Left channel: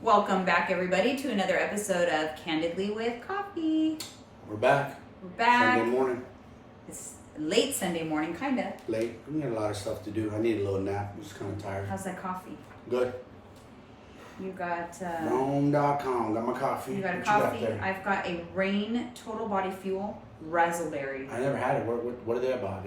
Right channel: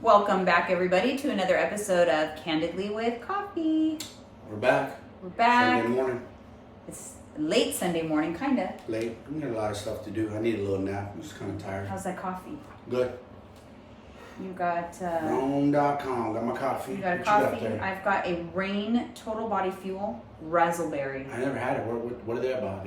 Welcome back, everybody, to another episode of Candidly with Coffee. We're back. We're back. Sunday morning. It's late Sunday morning, kind of. Late. We got a lot of stuff to do. I need a little nap. I'm just kind of tired. How's that coffee? Good. You got... Rome.com. Got my coffee. You got a What coffee. you got there? I've got a Rain Total Body Fuel Razzleberry. I never had it. What are they about?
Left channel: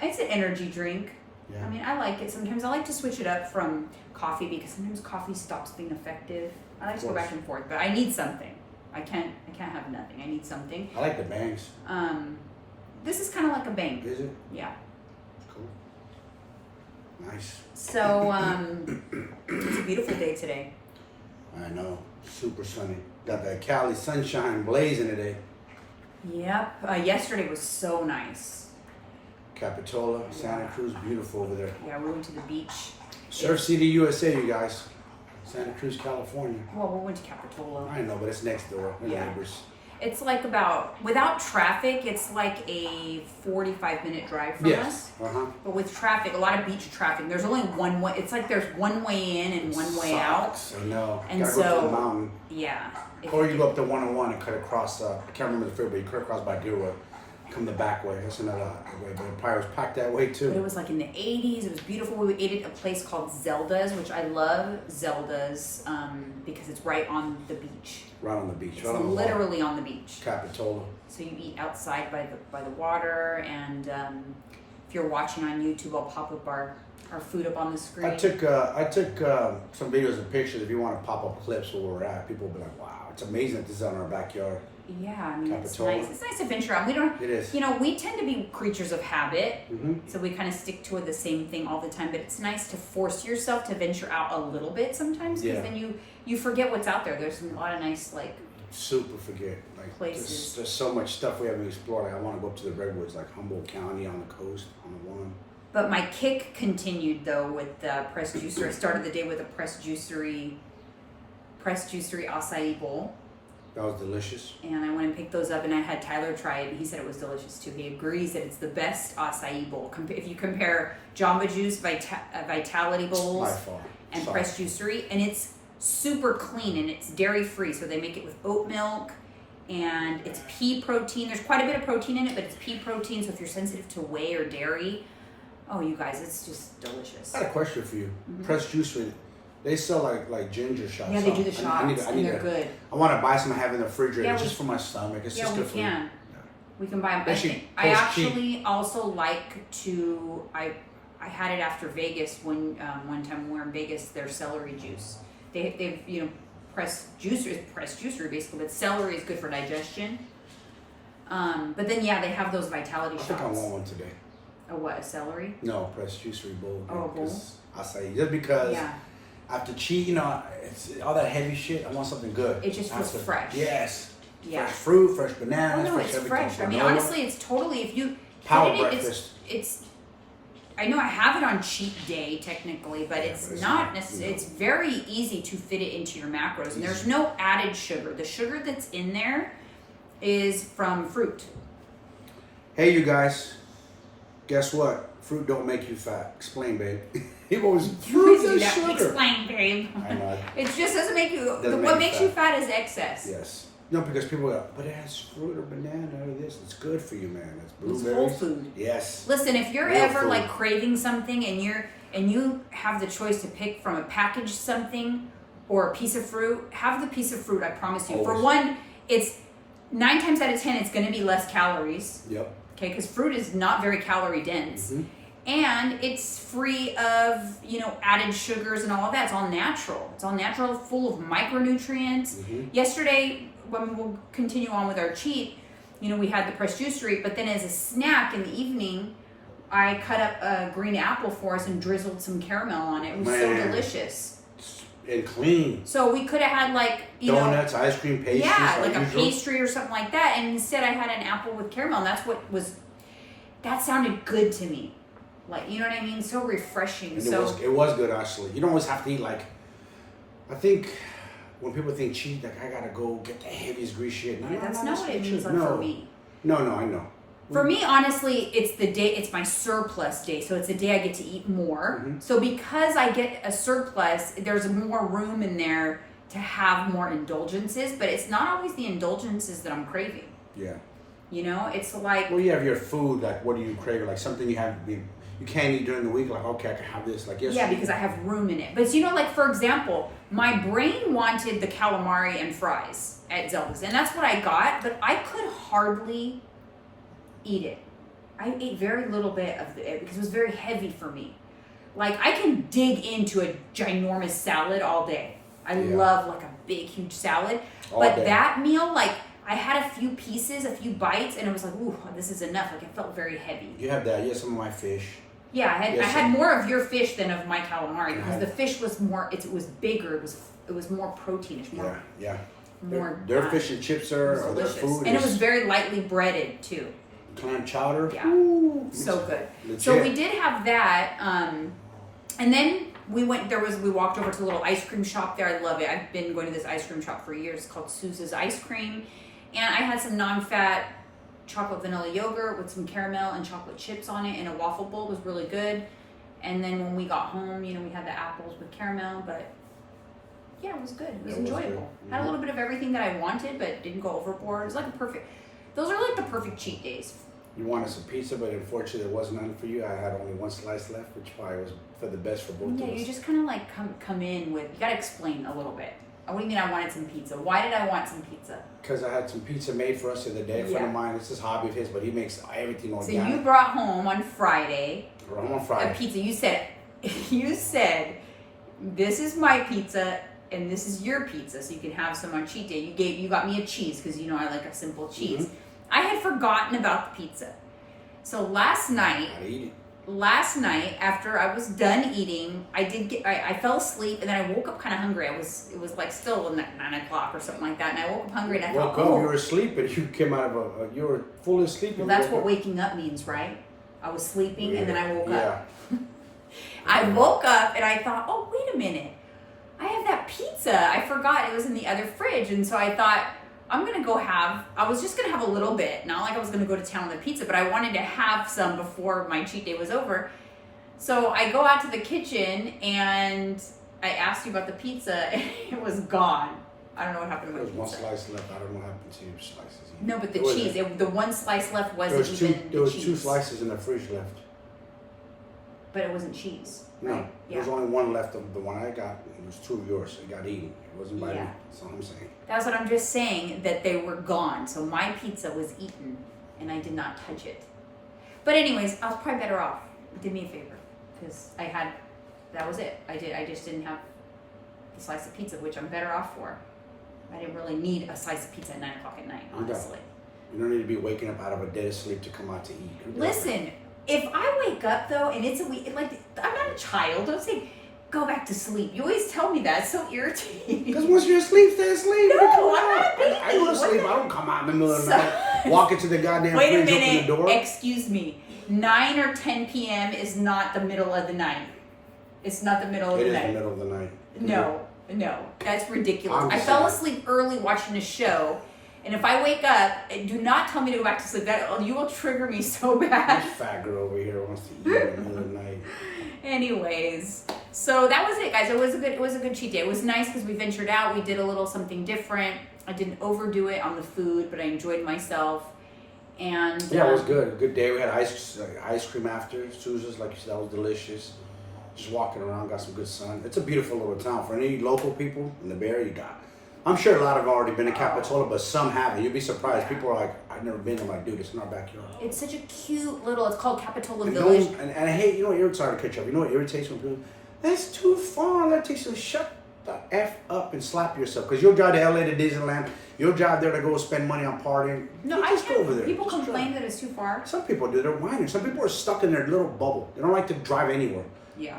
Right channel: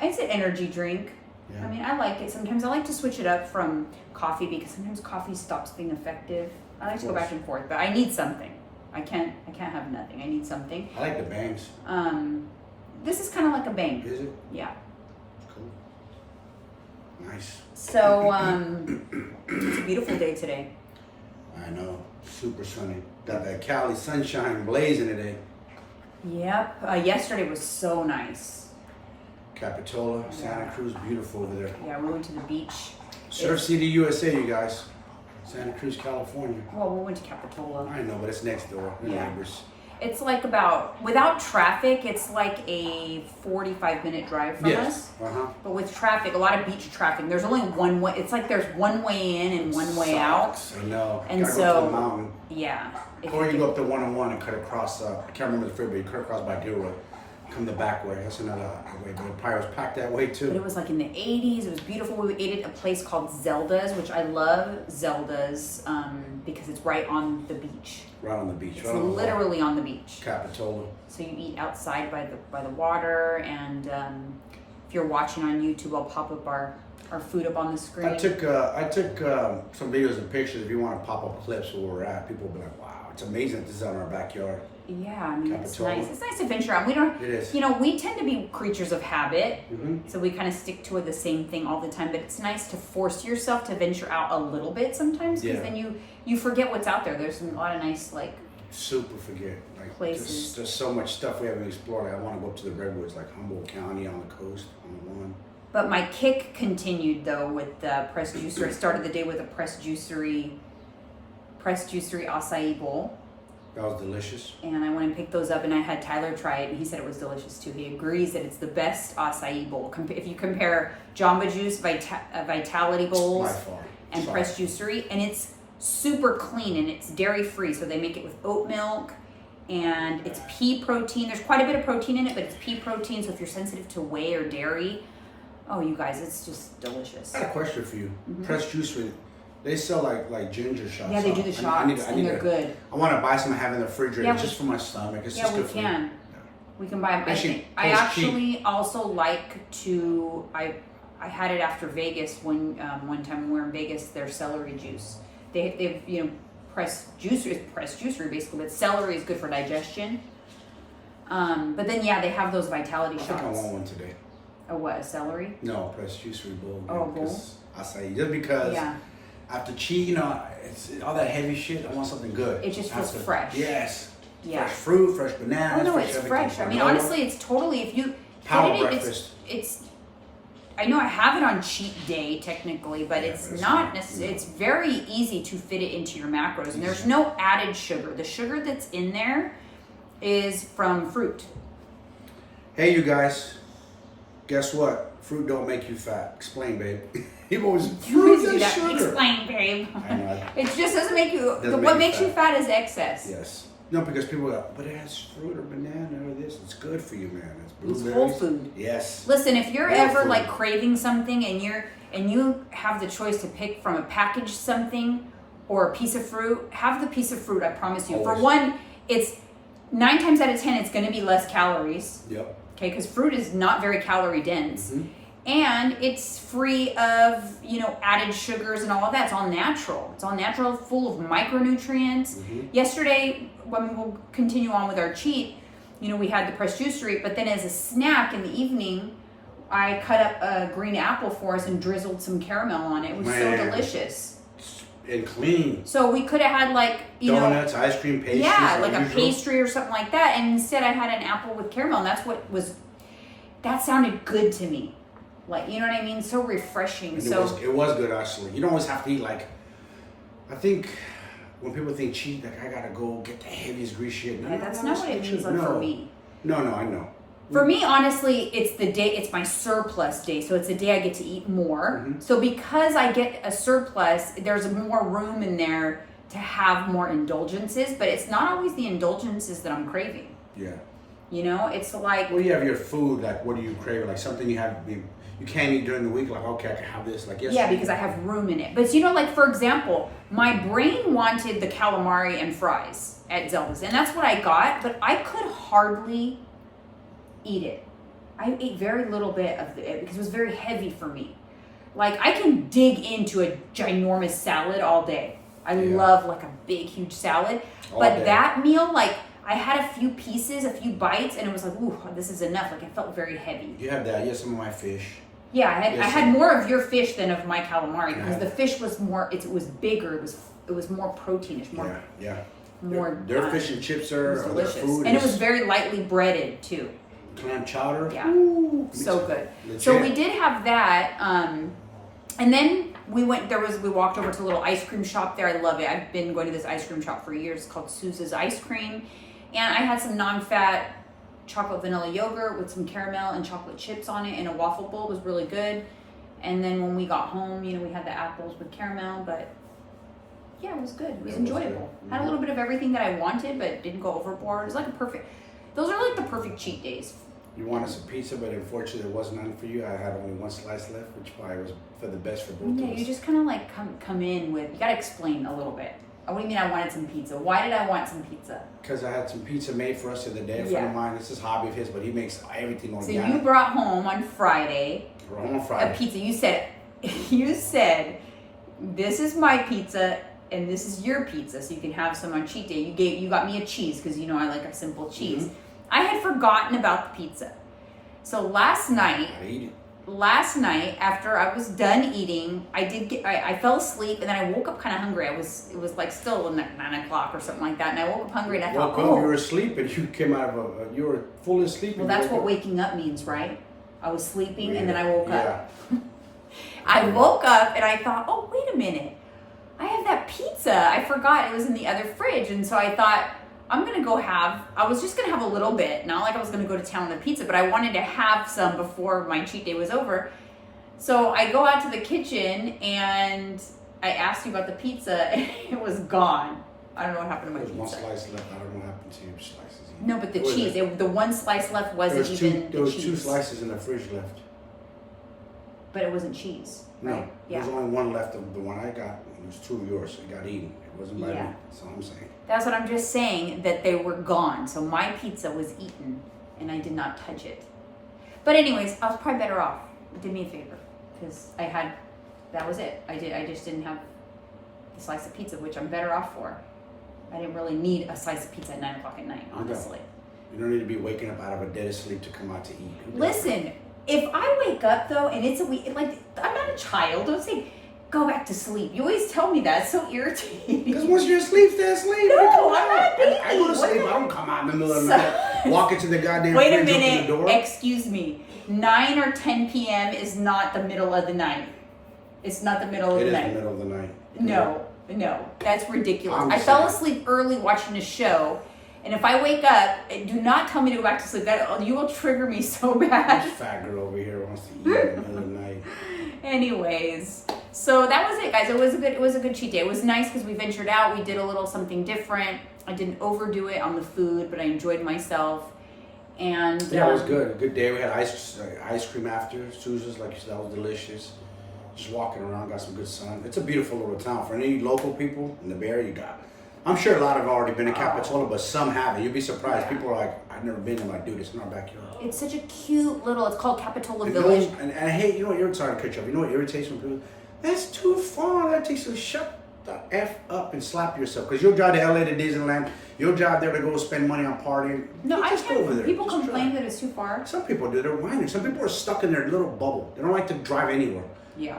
It's an energy drink. Yeah. I mean, I like it. Sometimes I like to switch it up from coffee because sometimes coffee stops being effective. I like to go back and forth, but I need something. I can't have nothing. I need something. I like the bangs. This is kind of like a bang. Is it? Yeah. Cool. Nice. So, it's a beautiful day today. I know. Super sunny. Got that Cali sunshine blazing today. Yep. Yesterday was so nice. Capitola, Santa Cruz, beautiful over there. Yeah, we went to the beach. Surf City, USA, you guys. Santa Cruz, California. Well, we went to Capitola. I know, but it's next door. They're neighbors. It's like without traffic, it's like a 45-minute drive from us. Uh-huh. But with traffic, a lot of beach traffic, there's only one way. It's like there's one way in and one way out. I know. And gotta so, go to the mountain. Yeah. Or you go up to 101 and cut across, I can't remember the freeway, you cut across by Gilroy. Come the back way. That's another way, but it probably was packed that way too. But it was like in the 80s. It was beautiful. We ate at a place called Zelda's, which I love Zelda's because it's right on the beach. Right on the beach. It's right on the literally on the beach. Capitola. So you eat outside by the water, and if you're watching on YouTube, I'll pop up our food up on the screen. I took some videos and pictures. If you want to pop up clips where we're at, people will be like, "Wow, it's amazing that this is in our backyard." Yeah, I mean, Capitola. it's nice. It's nice to venture out. We don't. It is. You know, we tend to be creatures of habit, Mm-hmm. so we kind of stick to the same thing all the time. But it's nice to force yourself to venture out a little bit sometimes, because then you forget what's out there. There's a lot of nice Super forget places. There's so much stuff we haven't explored. Like, I want to go up to the redwoods, like Humboldt County on the coast on the one. But my kick continued though with the pressed juicery. I started the day with a pressed juicery acai bowl. That was delicious. And I went and picked those up, and I had Tyler try it, and he said it was delicious too. He agrees that it's the best acai bowl. If you compare Jamba Juice, Vitality Bowls, By far. and pressed juicery, and it's super clean and it's dairy free. So they make it with oat milk, and it's pea protein. There's quite a bit of protein in it, but it's pea protein. So if you're sensitive to whey or dairy, oh, you guys, it's just delicious. I got a question for you. Pressed juicery. They sell like ginger shots. Yeah, they do the shots, and they're good. I want to buy some and have in the refrigerator. Yeah, It's just for my stomach. It's just we good for me. can. Yeah. We can buy them. I actually also like to. I had it after Vegas one time when we were in Vegas. Their celery juice. They've pressed juicery basically, but celery is good for digestion. But then they have those vitality shots. I think I want one today. A what? A celery? No, pressed juicery bowl. Oh, bowl. Acai. Just because. Yeah. After cheese, it's all that heavy shit. I want something good. It just feels fresh. Yes. Yeah. Fresh fruit, fresh bananas. Oh no, fresh it's everything. fresh. I mean, honestly, it's totally if you power get it, breakfast. It's. I know I have it on cheat day technically, but it's not necessarily. It's very easy to fit it into your macros, and there's no added sugar. The sugar that's in there is from fruit. Hey, you guys. Guess what? Fruit don't make you fat. Explain, babe. People always fruit is sugar. Explain, babe. I know. It just doesn't make you. Doesn't What make makes you you fat is excess. Yes. No, because people go, but it has fruit or banana or this. It's good for you, man. It's It's blueberries. whole food. Yes. Listen, if you're Whole ever food. craving something and you have the choice to pick from a packaged something or a piece of fruit, have the piece of fruit. I promise you. Always. For one, it's 9 times out of 10 it's going to be less calories. Yep. Okay, because fruit is not very calorie dense. Mm-hmm. And it's free of, added sugars and all of that. It's all natural. It's all natural, full of micronutrients. Mm-hmm. Yesterday, when we'll continue on with our cheat, we had the pressed juicery, but then as a snack in the evening, I cut up a green apple for us and drizzled some caramel on it. It was so delicious. And clean. So we could have had donuts, ice cream, pastries. Yeah, like a usual. pastry or something like that. And instead I had an apple with caramel, and that sounded good to me. You know what I mean? So refreshing. And it was good, actually. You don't always have to eat I think when people think cheat, I gotta go get the heaviest grease shit. No, that's not what it means for me. No, I know. For me, honestly, it's my surplus day. So it's a day I get to eat more. Mm-hmm. So because I get a surplus, there's more room in there to have more indulgences, but it's not always the indulgences that I'm craving. Yeah. You know, it's like... Well, you have your food, like, what do you crave? Like, something you can't eat during the week, like, okay, I can have this, like, yes. Yeah, because I have room in it. But, you know, like, for example, my brain wanted the calamari and fries at Zelda's, and that's what I got, but I could hardly eat it. I ate very little bit of it because it was very heavy for me. Like, I can dig into a ginormous salad all day. I love, like, a big, huge salad. But that meal, like, I had a few pieces, a few bites, and it was like, ooh, this is enough. Like, it felt very heavy. You had that. You had some of my fish. Yeah, I had more of your fish than of my calamari because the fish was more. It was bigger. It was more proteinish. More. Yeah. More. Their fish and chips are their food, and it was very lightly breaded too. Clam chowder. Yeah. Ooh, so good. Legit. So we did have that, and then we went. We walked over to a little ice cream shop there. I love it. I've been going to this ice cream shop for years. It's called Sousa's Ice Cream, and I had some non-fat chocolate vanilla yogurt with some caramel and chocolate chips on it in a waffle bowl. It was really good. And then when we got home, you know, we had the apples with caramel, but yeah, it was good. It was enjoyable. Had a little bit of everything that I wanted, but didn't go overboard. It was like those are like the perfect cheat days. You wanted some pizza, but unfortunately there was none for you. I had only one slice left, which probably was for the best for both of us. Yeah, you just kind of like come in with, you gotta explain a little bit. What do you mean I wanted some pizza? Why did I want some pizza? Because I had some pizza made for us the other day. A friend of mine, it's his hobby of his, but he makes everything organic. So you brought home on Friday a pizza. You said, this is my pizza and this is your pizza, so you can have some on cheat day. You got me a cheese because you know I like a simple cheese. Mm-hmm. I had forgotten about the pizza. So last night after I was done eating, I fell asleep and then I woke up kind of hungry. It was like still like 9 o'clock or something like that, and I woke up hungry and I thought, you were asleep and you came out of you were fully asleep. Well, that's what waking up means, right? I was sleeping and then I woke up. I woke up and I thought, oh, wait a minute. I have that pizza. I forgot it was in the other fridge, and so I thought, I was just going to have a little bit. Not like I was going to go to town on the pizza, but I wanted to have some before my cheat day was over. So I go out to the kitchen and I asked you about the pizza and it was gone. I don't know what happened to my pizza. There was one slice left. I don't know what happened to your slices. No, but the cheese. The one slice left wasn't even the cheese. There was 2 slices in the fridge left. But it wasn't cheese. No, right? there was only one left of the one I got. It was 2 of yours. It got eaten. It wasn't by me. That's all I'm saying. That's what I'm just saying, that they were gone. So my pizza was eaten, and I did not touch it. But anyways, I was probably better off. Did me a favor, because that was it. I just didn't have a slice of pizza, which I'm better off for. I didn't really need a slice of pizza at 9 o'clock at night, honestly. You don't need to be waking up out of a dead sleep to come out to eat. Listen, if I wake up though, and it's a week, like, I'm not a child. Don't say, go back to sleep. You always tell me that. It's so irritating. Because once you're asleep, stay asleep. No, I'm not baby. I go to sleep. I don't come out in the middle of the night, walk into the goddamn fridge, open the door. Excuse me. 9 or 10 p.m. is not the middle of the night. It's not the middle of the night. It is the middle of the night. No. That's ridiculous. I fell asleep early watching a show. And if I wake up, do not tell me to go back to sleep. You will trigger me so bad. This fat girl over here wants to eat in the middle of the night. Anyways, so that was it, guys. It was a good cheat day. It was nice because we ventured out. We did a little something different. I didn't overdo it on the food, but I enjoyed myself. And yeah, it was good. Good day. We had ice cream after. Sousa's, like you said, that was delicious. Just walking around, got some good sun. It's a beautiful little town. For any local people in the Bay Area, you got. I'm sure a lot have already been to Capitola, but some haven't. You'll be surprised. People are like, I've never been. I'm like, dude, it's in our backyard. It's such a cute little, it's called Capitola Village. And I hate, you know what, you're sorry to cut you off. You know what irritates when people, that's too far. That takes you, shut the F up and slap yourself. Because you'll drive to LA to Disneyland. You'll drive there to go spend money on partying. No, I just go over there. People complain that it's too far. Some people do. They're whining. Some people are stuck in their little bubble. They don't like to drive anywhere. Yeah.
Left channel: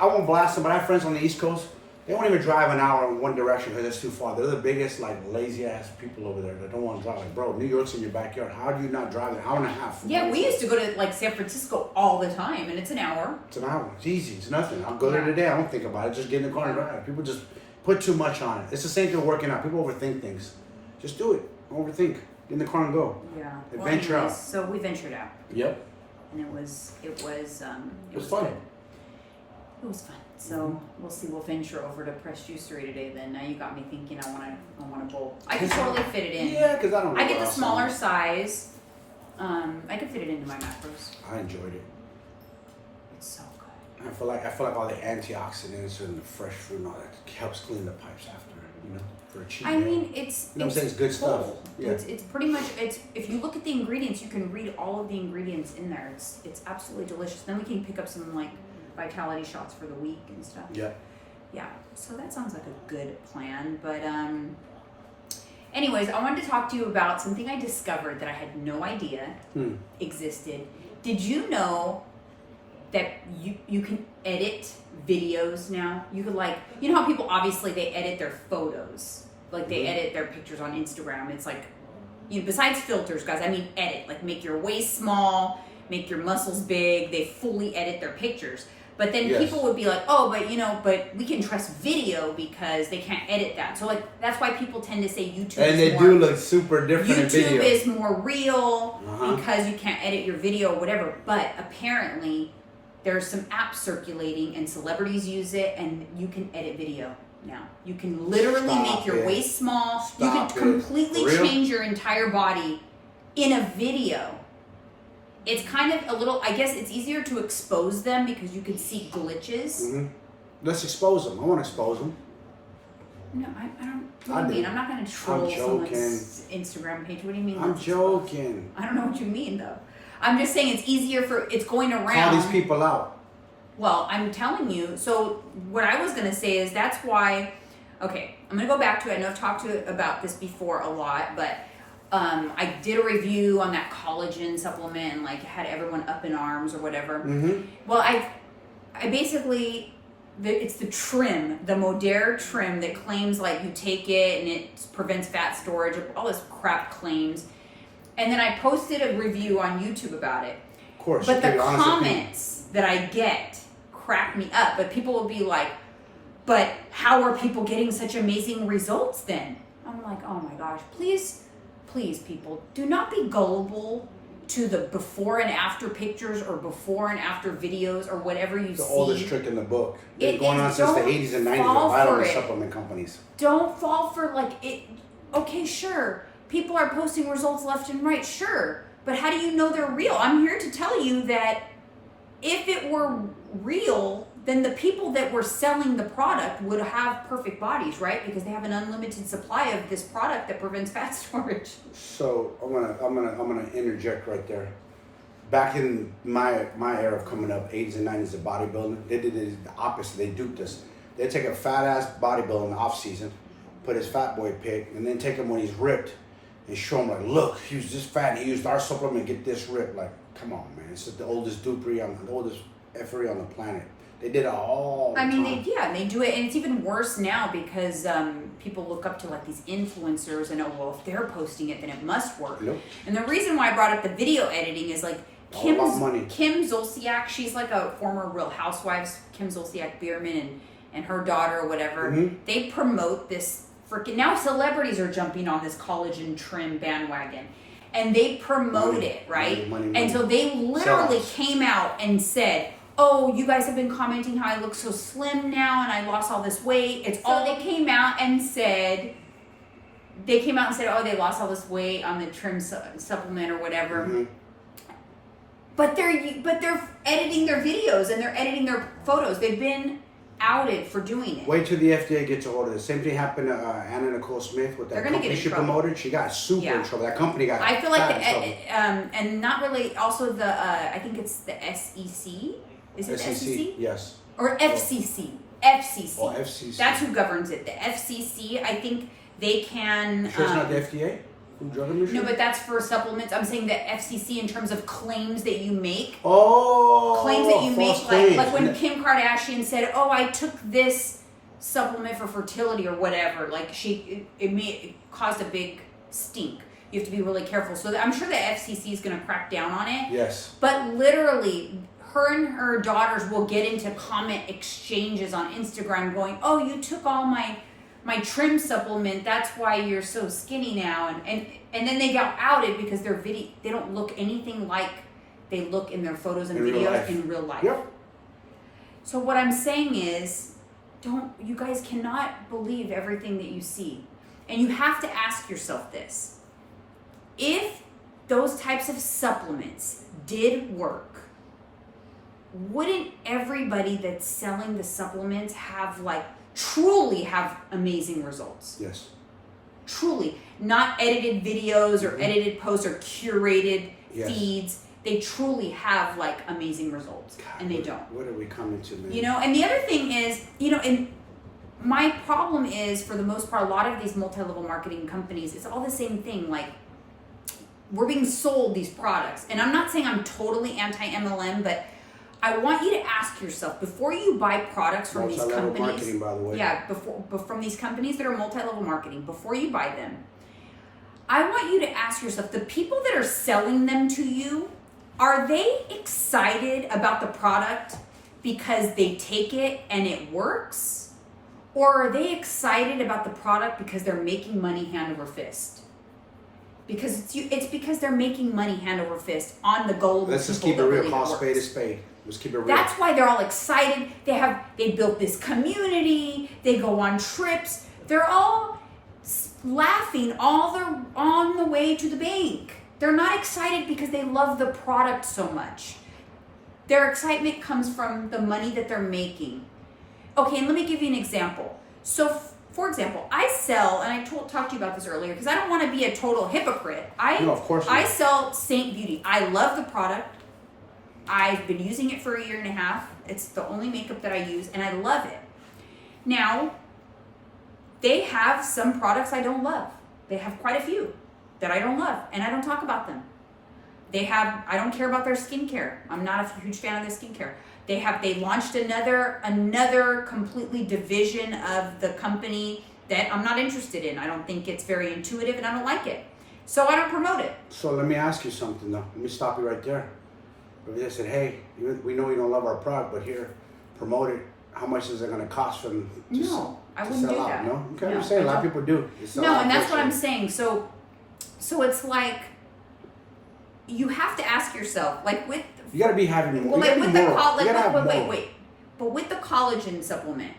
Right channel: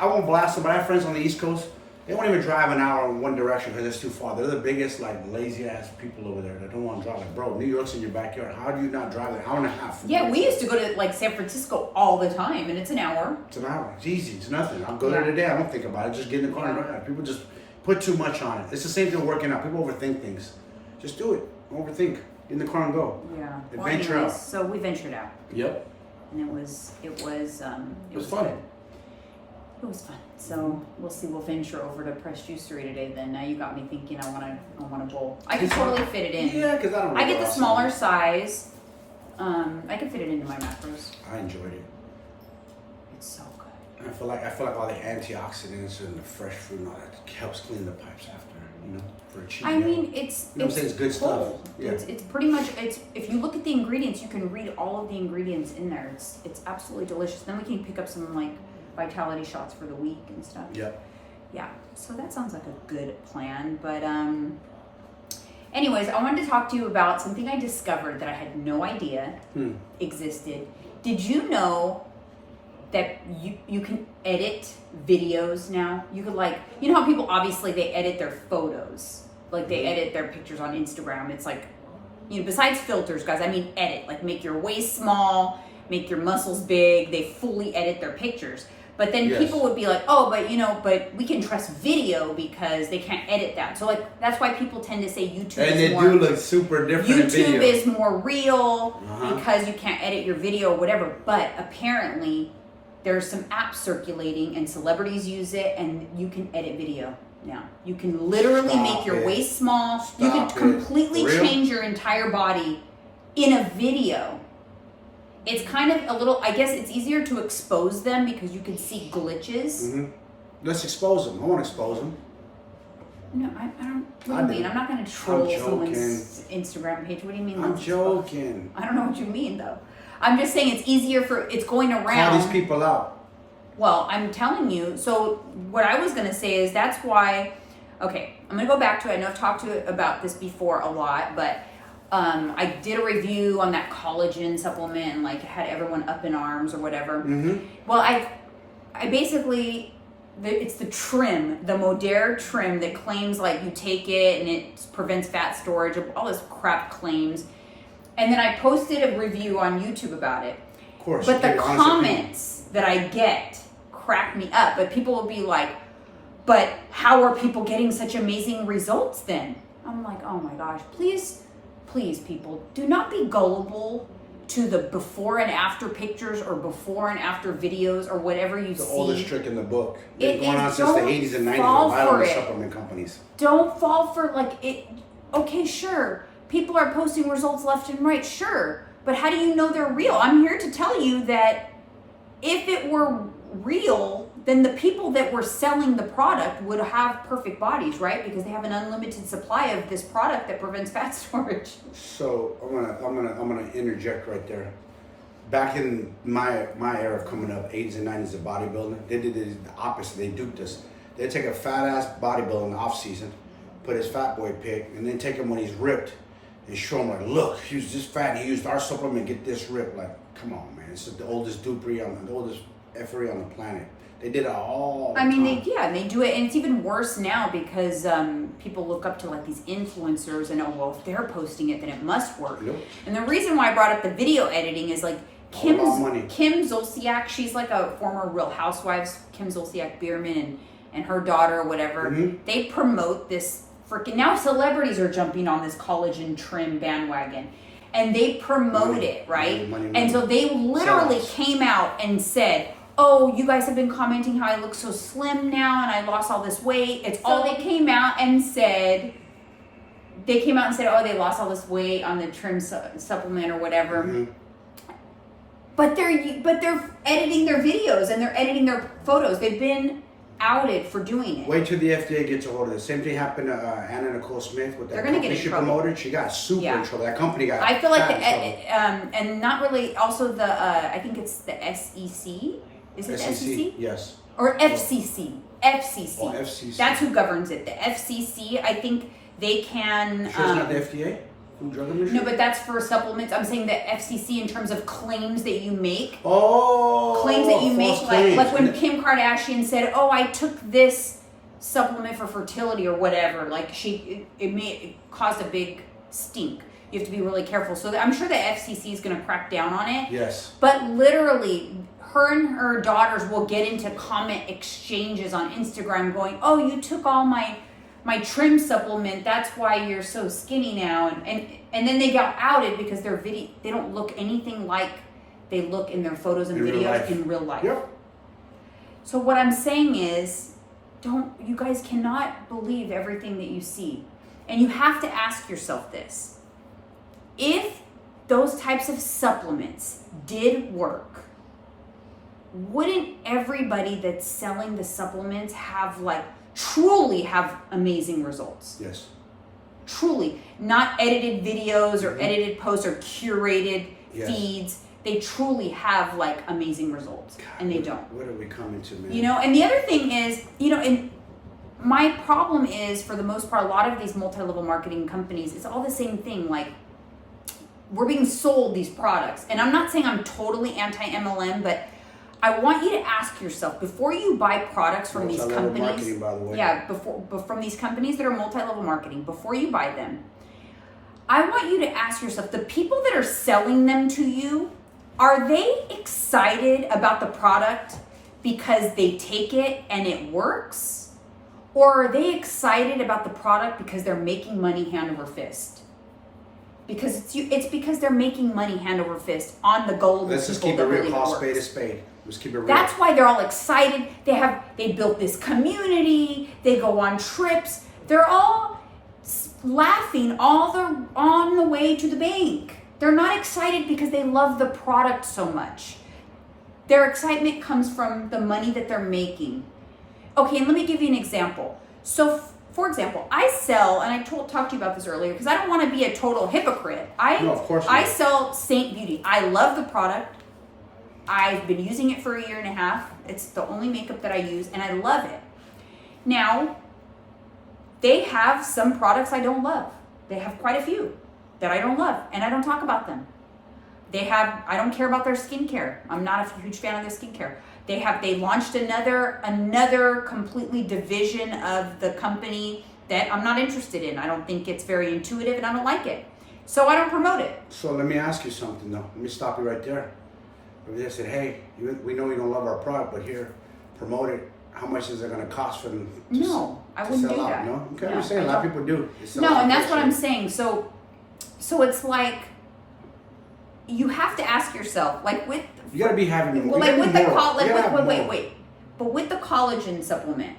I won't blast them, but I have friends on the East Coast. They won't even drive an hour in one direction because it's too far. They're the biggest, like, lazy-ass people over there that don't want to drive. Like, bro, New York's in your backyard. How do you not drive an hour and a half? Yeah, we used to go to, like, San Francisco all the time, and it's an hour. It's an hour. It's easy. It's nothing. I'll go there today. I don't think about it. Just get in the car and drive. People just put too much on it. It's the same thing working out. People overthink things. Just do it. Overthink. Get in the car and go. Yeah. Adventure out. So we ventured out. Yep. And it was fun. Good. it was fun. So we'll see. We'll venture over to Press Juicery today. Then now you got me thinking. I want a bowl. I can totally fit it in. Yeah, because I don't. I get the smaller size. I can fit it into my macros. I enjoyed it. It's so good. I feel like all the antioxidants and the fresh fruit and all that helps clean the pipes after, you know, for a cheap meal. mean, it's You know what I'm saying? It's good stuff. Yeah. It's pretty much if you look at the ingredients, you can read all of the ingredients in there. It's absolutely delicious. Then we can pick up some like vitality shots for the week and stuff. Yeah. Yeah. So that sounds like a good plan. But anyways, I wanted to talk to you about something I discovered that I had no idea existed. Did you know that you can edit videos now? You could you know how people obviously they edit their photos, like they edit their pictures on Instagram. It's like, you know, besides filters, guys, I mean edit, like make your waist small, make your muscles big. They fully edit their pictures. But then people would be like, oh, but we can trust video because they can't edit that. So like that's why people tend to say YouTube do look super different in video. YouTube is more real because you can't edit your video or whatever. But apparently there's some apps circulating and celebrities use it, and you can edit video now. You can literally make your waist small. You can completely change your entire body in a video. It's kind of a little, I guess it's easier to expose them because you can see glitches. Mm-hmm. Let's expose them. I want to expose them. No, I don't. What do you mean? I'm not going to troll someone's Instagram page. What do you mean? I'm joking. I don't know what you mean, though. I'm just saying it's easier it's going around. Call these people out. Well, I'm telling you. So what I was going to say is that's why, okay, I'm going to go back to it. I know I've talked to you about this before a lot, but I did a review on that collagen supplement and like had everyone up in arms or whatever. Mm-hmm. Well, I basically, it's the trim, the Modere trim that claims like you take it and it prevents fat storage, all this crap claims. And then I posted a review on YouTube about it. Of course. But the comments that I get crack me up. But people will be like, but how are people getting such amazing results then? I'm like, oh my gosh, please people, do not be gullible to the before and after pictures or before and after videos or whatever you see. The oldest trick in the book. Been going on since the 80s and 90s with a lot of supplement companies. Don't fall for like it. Okay, sure. People are posting results left and right, sure. But how do you know they're real? I'm here to tell you that if it were real, then the people that were selling the product would have perfect bodies, right? Because they have an unlimited supply of this product that prevents fat storage. So I'm gonna interject right there. Back in my era of coming up, 80s and 90s of bodybuilding, they did the opposite. They duped us. They'd take a fat ass bodybuilder in the off season, put his fat boy pic, and then take him when he's ripped and show him like, look, he was this fat and he used our supplement to get this ripped. Like, come on, man. It's the oldest dupery the oldest effery on the planet. They did it all the time. They do it, and it's even worse now because people look up to like these influencers and if they're posting it, then it must work. Nope. And the reason why I brought up the video editing is like Kim Zolciak, she's like a former Real Housewives, Kim Zolciak Bierman and her daughter or whatever. Mm-hmm. They promote this freaking, now celebrities are jumping on this collagen trim bandwagon. And they promote it, right? Money. And so they literally came out and said, oh, you guys have been commenting how I look so slim now and I lost all this weight. It's all they came out and said. They came out and said, oh, they lost all this weight on the trim supplement or whatever. Mm-hmm. But they're editing their videos and they're editing their photos. They've been outed for doing it. Wait till the FDA gets a hold of it. Same thing happened to Anna Nicole Smith with that company she promoted. She got super in trouble. That company got. I feel like and not really. Also the I think it's the SEC. Is it SEC? Yes. Or FCC. FCC. Oh, FCC. That's who governs it. The FCC. I think they can. You sure it's not the FDA? Drug Administration? No, but that's for supplements. I'm saying the FCC in terms of claims that you make. Oh. Claims that you make, like when Kim Kardashian said, "Oh, I took this supplement for fertility or whatever." Like it caused a big stink. You have to be really careful. So I'm sure the FCC is going to crack down on it. Yes. But literally, her and her daughters will get into comment exchanges on Instagram, going, "Oh, you took all my trim supplement, that's why you're so skinny now," and then they got outed because their they don't look anything like they look in their photos and videos in real life. Yep. So what I'm saying is, you guys cannot believe everything that you see. And you have to ask yourself this. If those types of supplements did work, wouldn't everybody that's selling the supplements truly have amazing results? Yes. Truly. Not edited videos or edited posts or curated feeds. They truly have amazing results. God, and they don't. What are we coming to, man? And the other thing is, and my problem is, for the most part, a lot of these multi-level marketing companies, it's all the same thing. We're being sold these products. And I'm not saying I'm totally anti-MLM, but I want you to ask yourself, before you buy products from these companies, marketing, by the way. Yeah, from these companies that are multi-level marketing, before you buy them, I want you to ask yourself, the people that are selling them to you, are they excited about the product because they take it and it works? Or are they excited about the product because they're making money hand over fist? Because it's because they're making money hand over fist on the goal. Let's just keep it real. Call spade a spade. Let's keep it real. That's why they're all excited. They built this community. They go on trips. They're all laughing on the way to the bank. They're not excited because they love the product so much. Their excitement comes from the money that they're making. Okay, and let me give you an example. So, for example, I sell, and I talked to you about this earlier because I don't want to be a total hypocrite. No, of course not. I sell Saint Beauty. I love the product. I've been using it for a year and a half. It's the only makeup that I use, and I love it. Now, they have some products I don't love. They have quite a few that I don't love, and I don't talk about them. I don't care about their skincare. I'm not a huge fan of their skincare. They launched another completely division of the company that I'm not interested in. I don't think it's very intuitive, and I don't like it. So I don't promote it. So let me ask you something, though. Let me stop you right there. If they said, hey, we know you don't love our product, but here, promote it. How much is it going to cost for them to No, I wouldn't sell do out? that. No? Okay, I understand. A lot of people do. No, and that's what I'm saying. So it's like, you have to ask yourself, you got to be having with the collagen. Wait. But with the collagen supplement,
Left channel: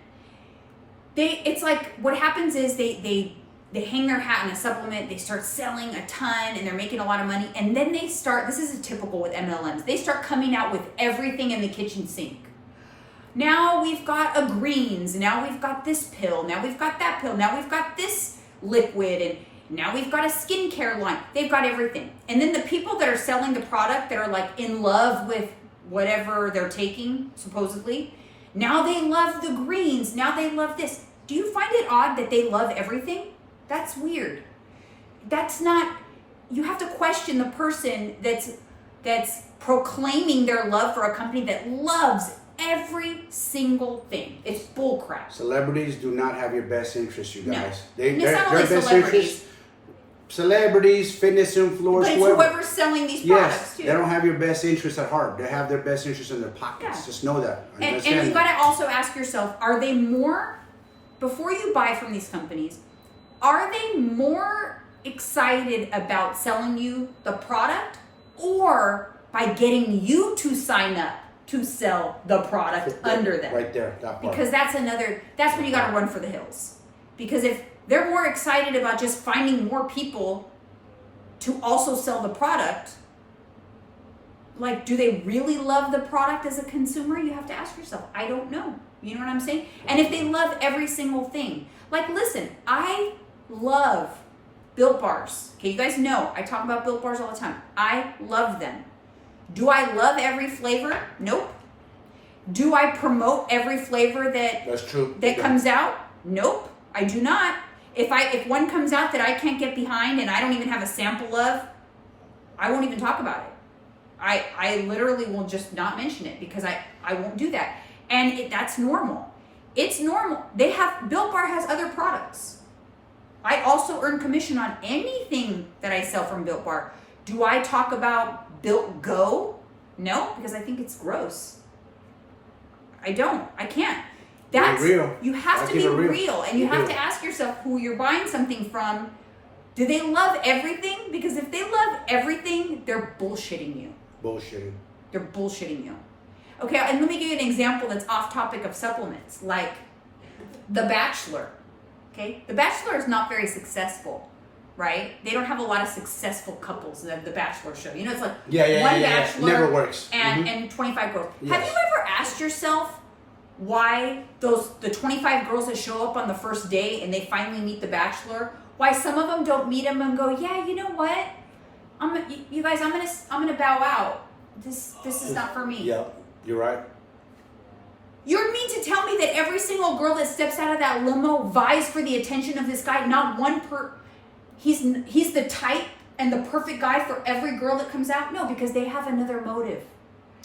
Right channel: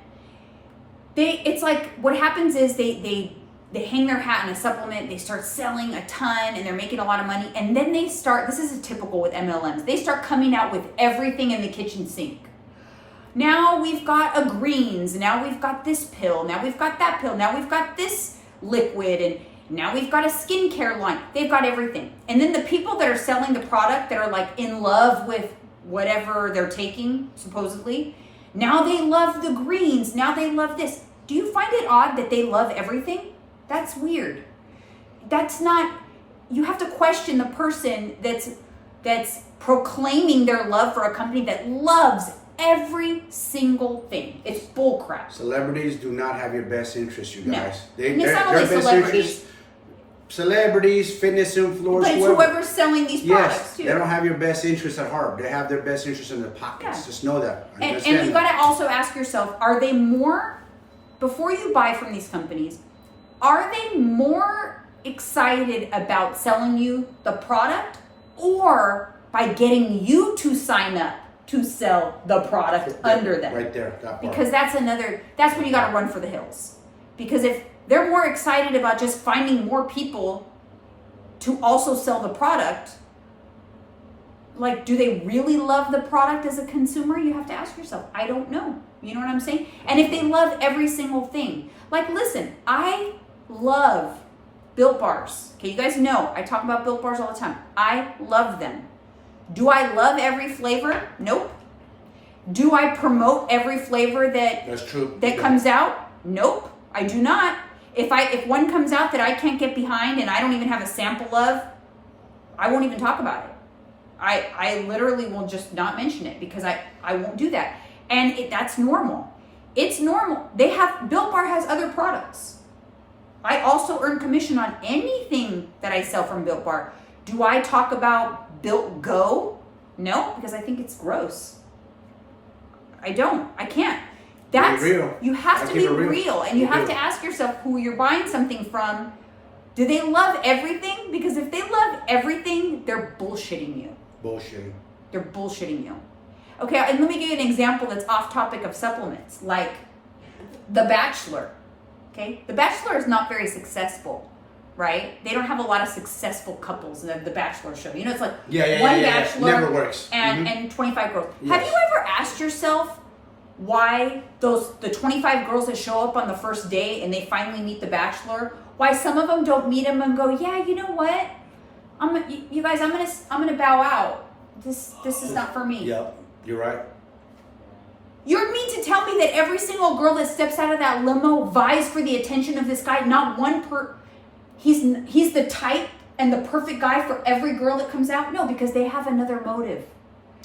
it's like, what happens is they hang their hat on a supplement, they start selling a ton, and they're making a lot of money, and then they start, this is typical with MLMs, they start coming out with everything in the kitchen sink. Now we've got a greens, now we've got this pill, now we've got that pill, now we've got this liquid, and now we've got a skincare line. They've got everything. And then the people that are selling the product that are in love with whatever they're taking, supposedly, now they love the greens, now they love this. Do you find it odd that they love everything? That's weird. That's not, you have to question the person that's proclaiming their love for a company that loves every single thing. It's bullcrap. Celebrities do not have your best interest, you guys. No. It's not only celebrities. Celebrities, fitness influencers, but it's whoever's selling these products too. They don't have your best interest at heart. They have their best interest in their pockets. Yeah. Just know that. And you got to also ask yourself, are they more, before you buy from these companies, are they more excited about selling you the product or by getting you to sign up to sell the product under them? Right there, that part. Because that's when you got to run for the hills. Because if they're more excited about just finding more people to also sell the product, do they really love the product as a consumer? You have to ask yourself. I don't know. You know what I'm saying? And if they love every single thing, listen, I love Built Bars. Okay, you guys know I talk about Built Bars all the time. I love them. Do I love every flavor? Nope. Do I promote every flavor That's true. that comes out? Nope, I do not. If one comes out that I can't get behind and I don't even have a sample of, I won't even talk about it. I literally will just not mention it because I won't do that. And that's normal. It's normal. Built Bar has other products. I also earn commission on anything that I sell from Built Bar. Do I talk about Built Go? No, because I think it's gross. I don't. I can't. That's real. You have to be real, and you have to ask yourself who you're buying something from. Do they love everything? Because if they love everything, they're bullshitting you. Bullshitting. They're bullshitting you. Okay, and let me give you an example that's off topic of supplements, like The Bachelor. Okay, The Bachelor is not very successful, right? They don't have a lot of successful couples in the Bachelor show. You know, it's like one Bachelor never works. And 25 girls. Yes. Have you ever asked yourself why the 25 girls that show up on the first day and they finally meet the Bachelor, why some of them don't meet him and go, yeah, you know what? You guys, I'm gonna bow out. This is not for me. Yep, you're right. You mean to tell me that every single girl that steps out of that limo vies for the attention of this guy? Not one he's the type and the perfect guy for every girl that comes out? No, because they have another motive.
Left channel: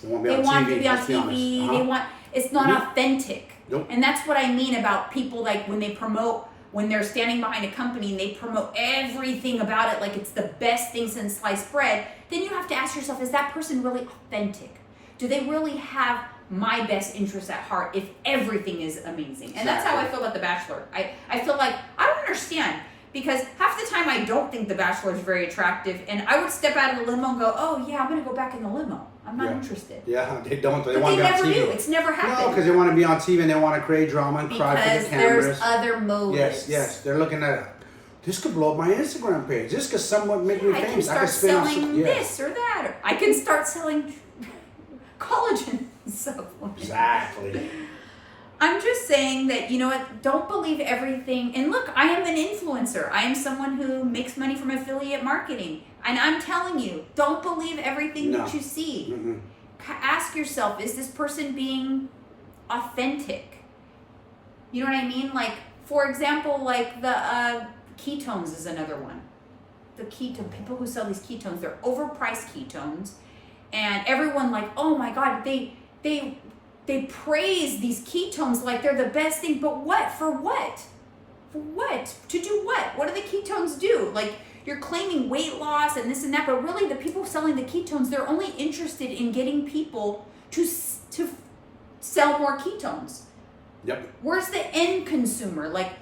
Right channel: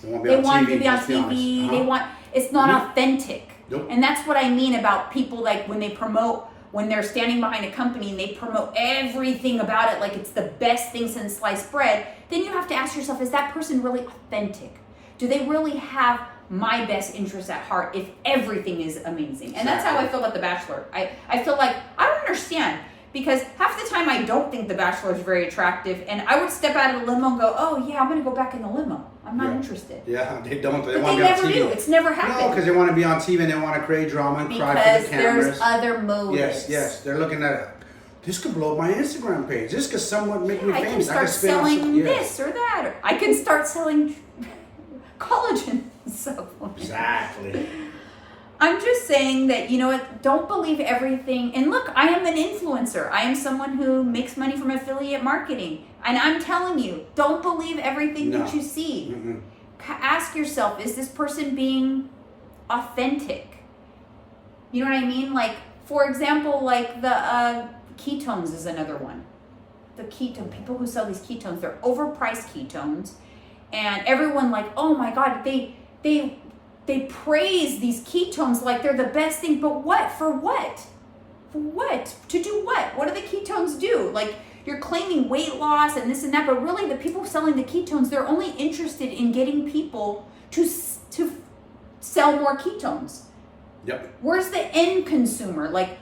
They want to be on TV. Uh-huh. They want, it's not authentic. Nope. And that's what I mean about people, like when they promote, when they're standing behind a company and they promote everything about it like it's the best thing since sliced bread, then you have to ask yourself, is that person really authentic? Do they really have my best interests at heart if everything is amazing? And that's how I feel about The Bachelor. I feel like, I don't understand, because half the time I don't think The Bachelor is very attractive, and I would step out of the limo and go, oh yeah, I'm going to go back in the limo. I'm not interested. Yeah, they don't. They But want they to be on never TV. do. It's never happened. No, because they want to be on TV and they want to create drama and cry for the cameras. Because there's other motives. Yes. They're looking at, this could blow up my Instagram page. This could somewhat make me I can famous. start selling this or that. I can start selling collagen supplements. Exactly. I'm just saying that, you know what, don't believe everything. And look, I am an influencer. I am someone who makes money from affiliate marketing. And I'm telling you, don't believe everything that you see. Mm-mm. Ask yourself, is this person being authentic? You know what I mean? Like, for example, like the ketones is another one. The ketone, people who sell these ketones, they're overpriced ketones. And everyone like, oh my God, they praise these ketones like they're the best thing, but what? For what? For what? To do what? What do the ketones do? Like, you're claiming weight loss and this and that, but really the people selling the ketones, they're only interested in getting people to sell more ketones. Yep. Where's the end consumer? Like,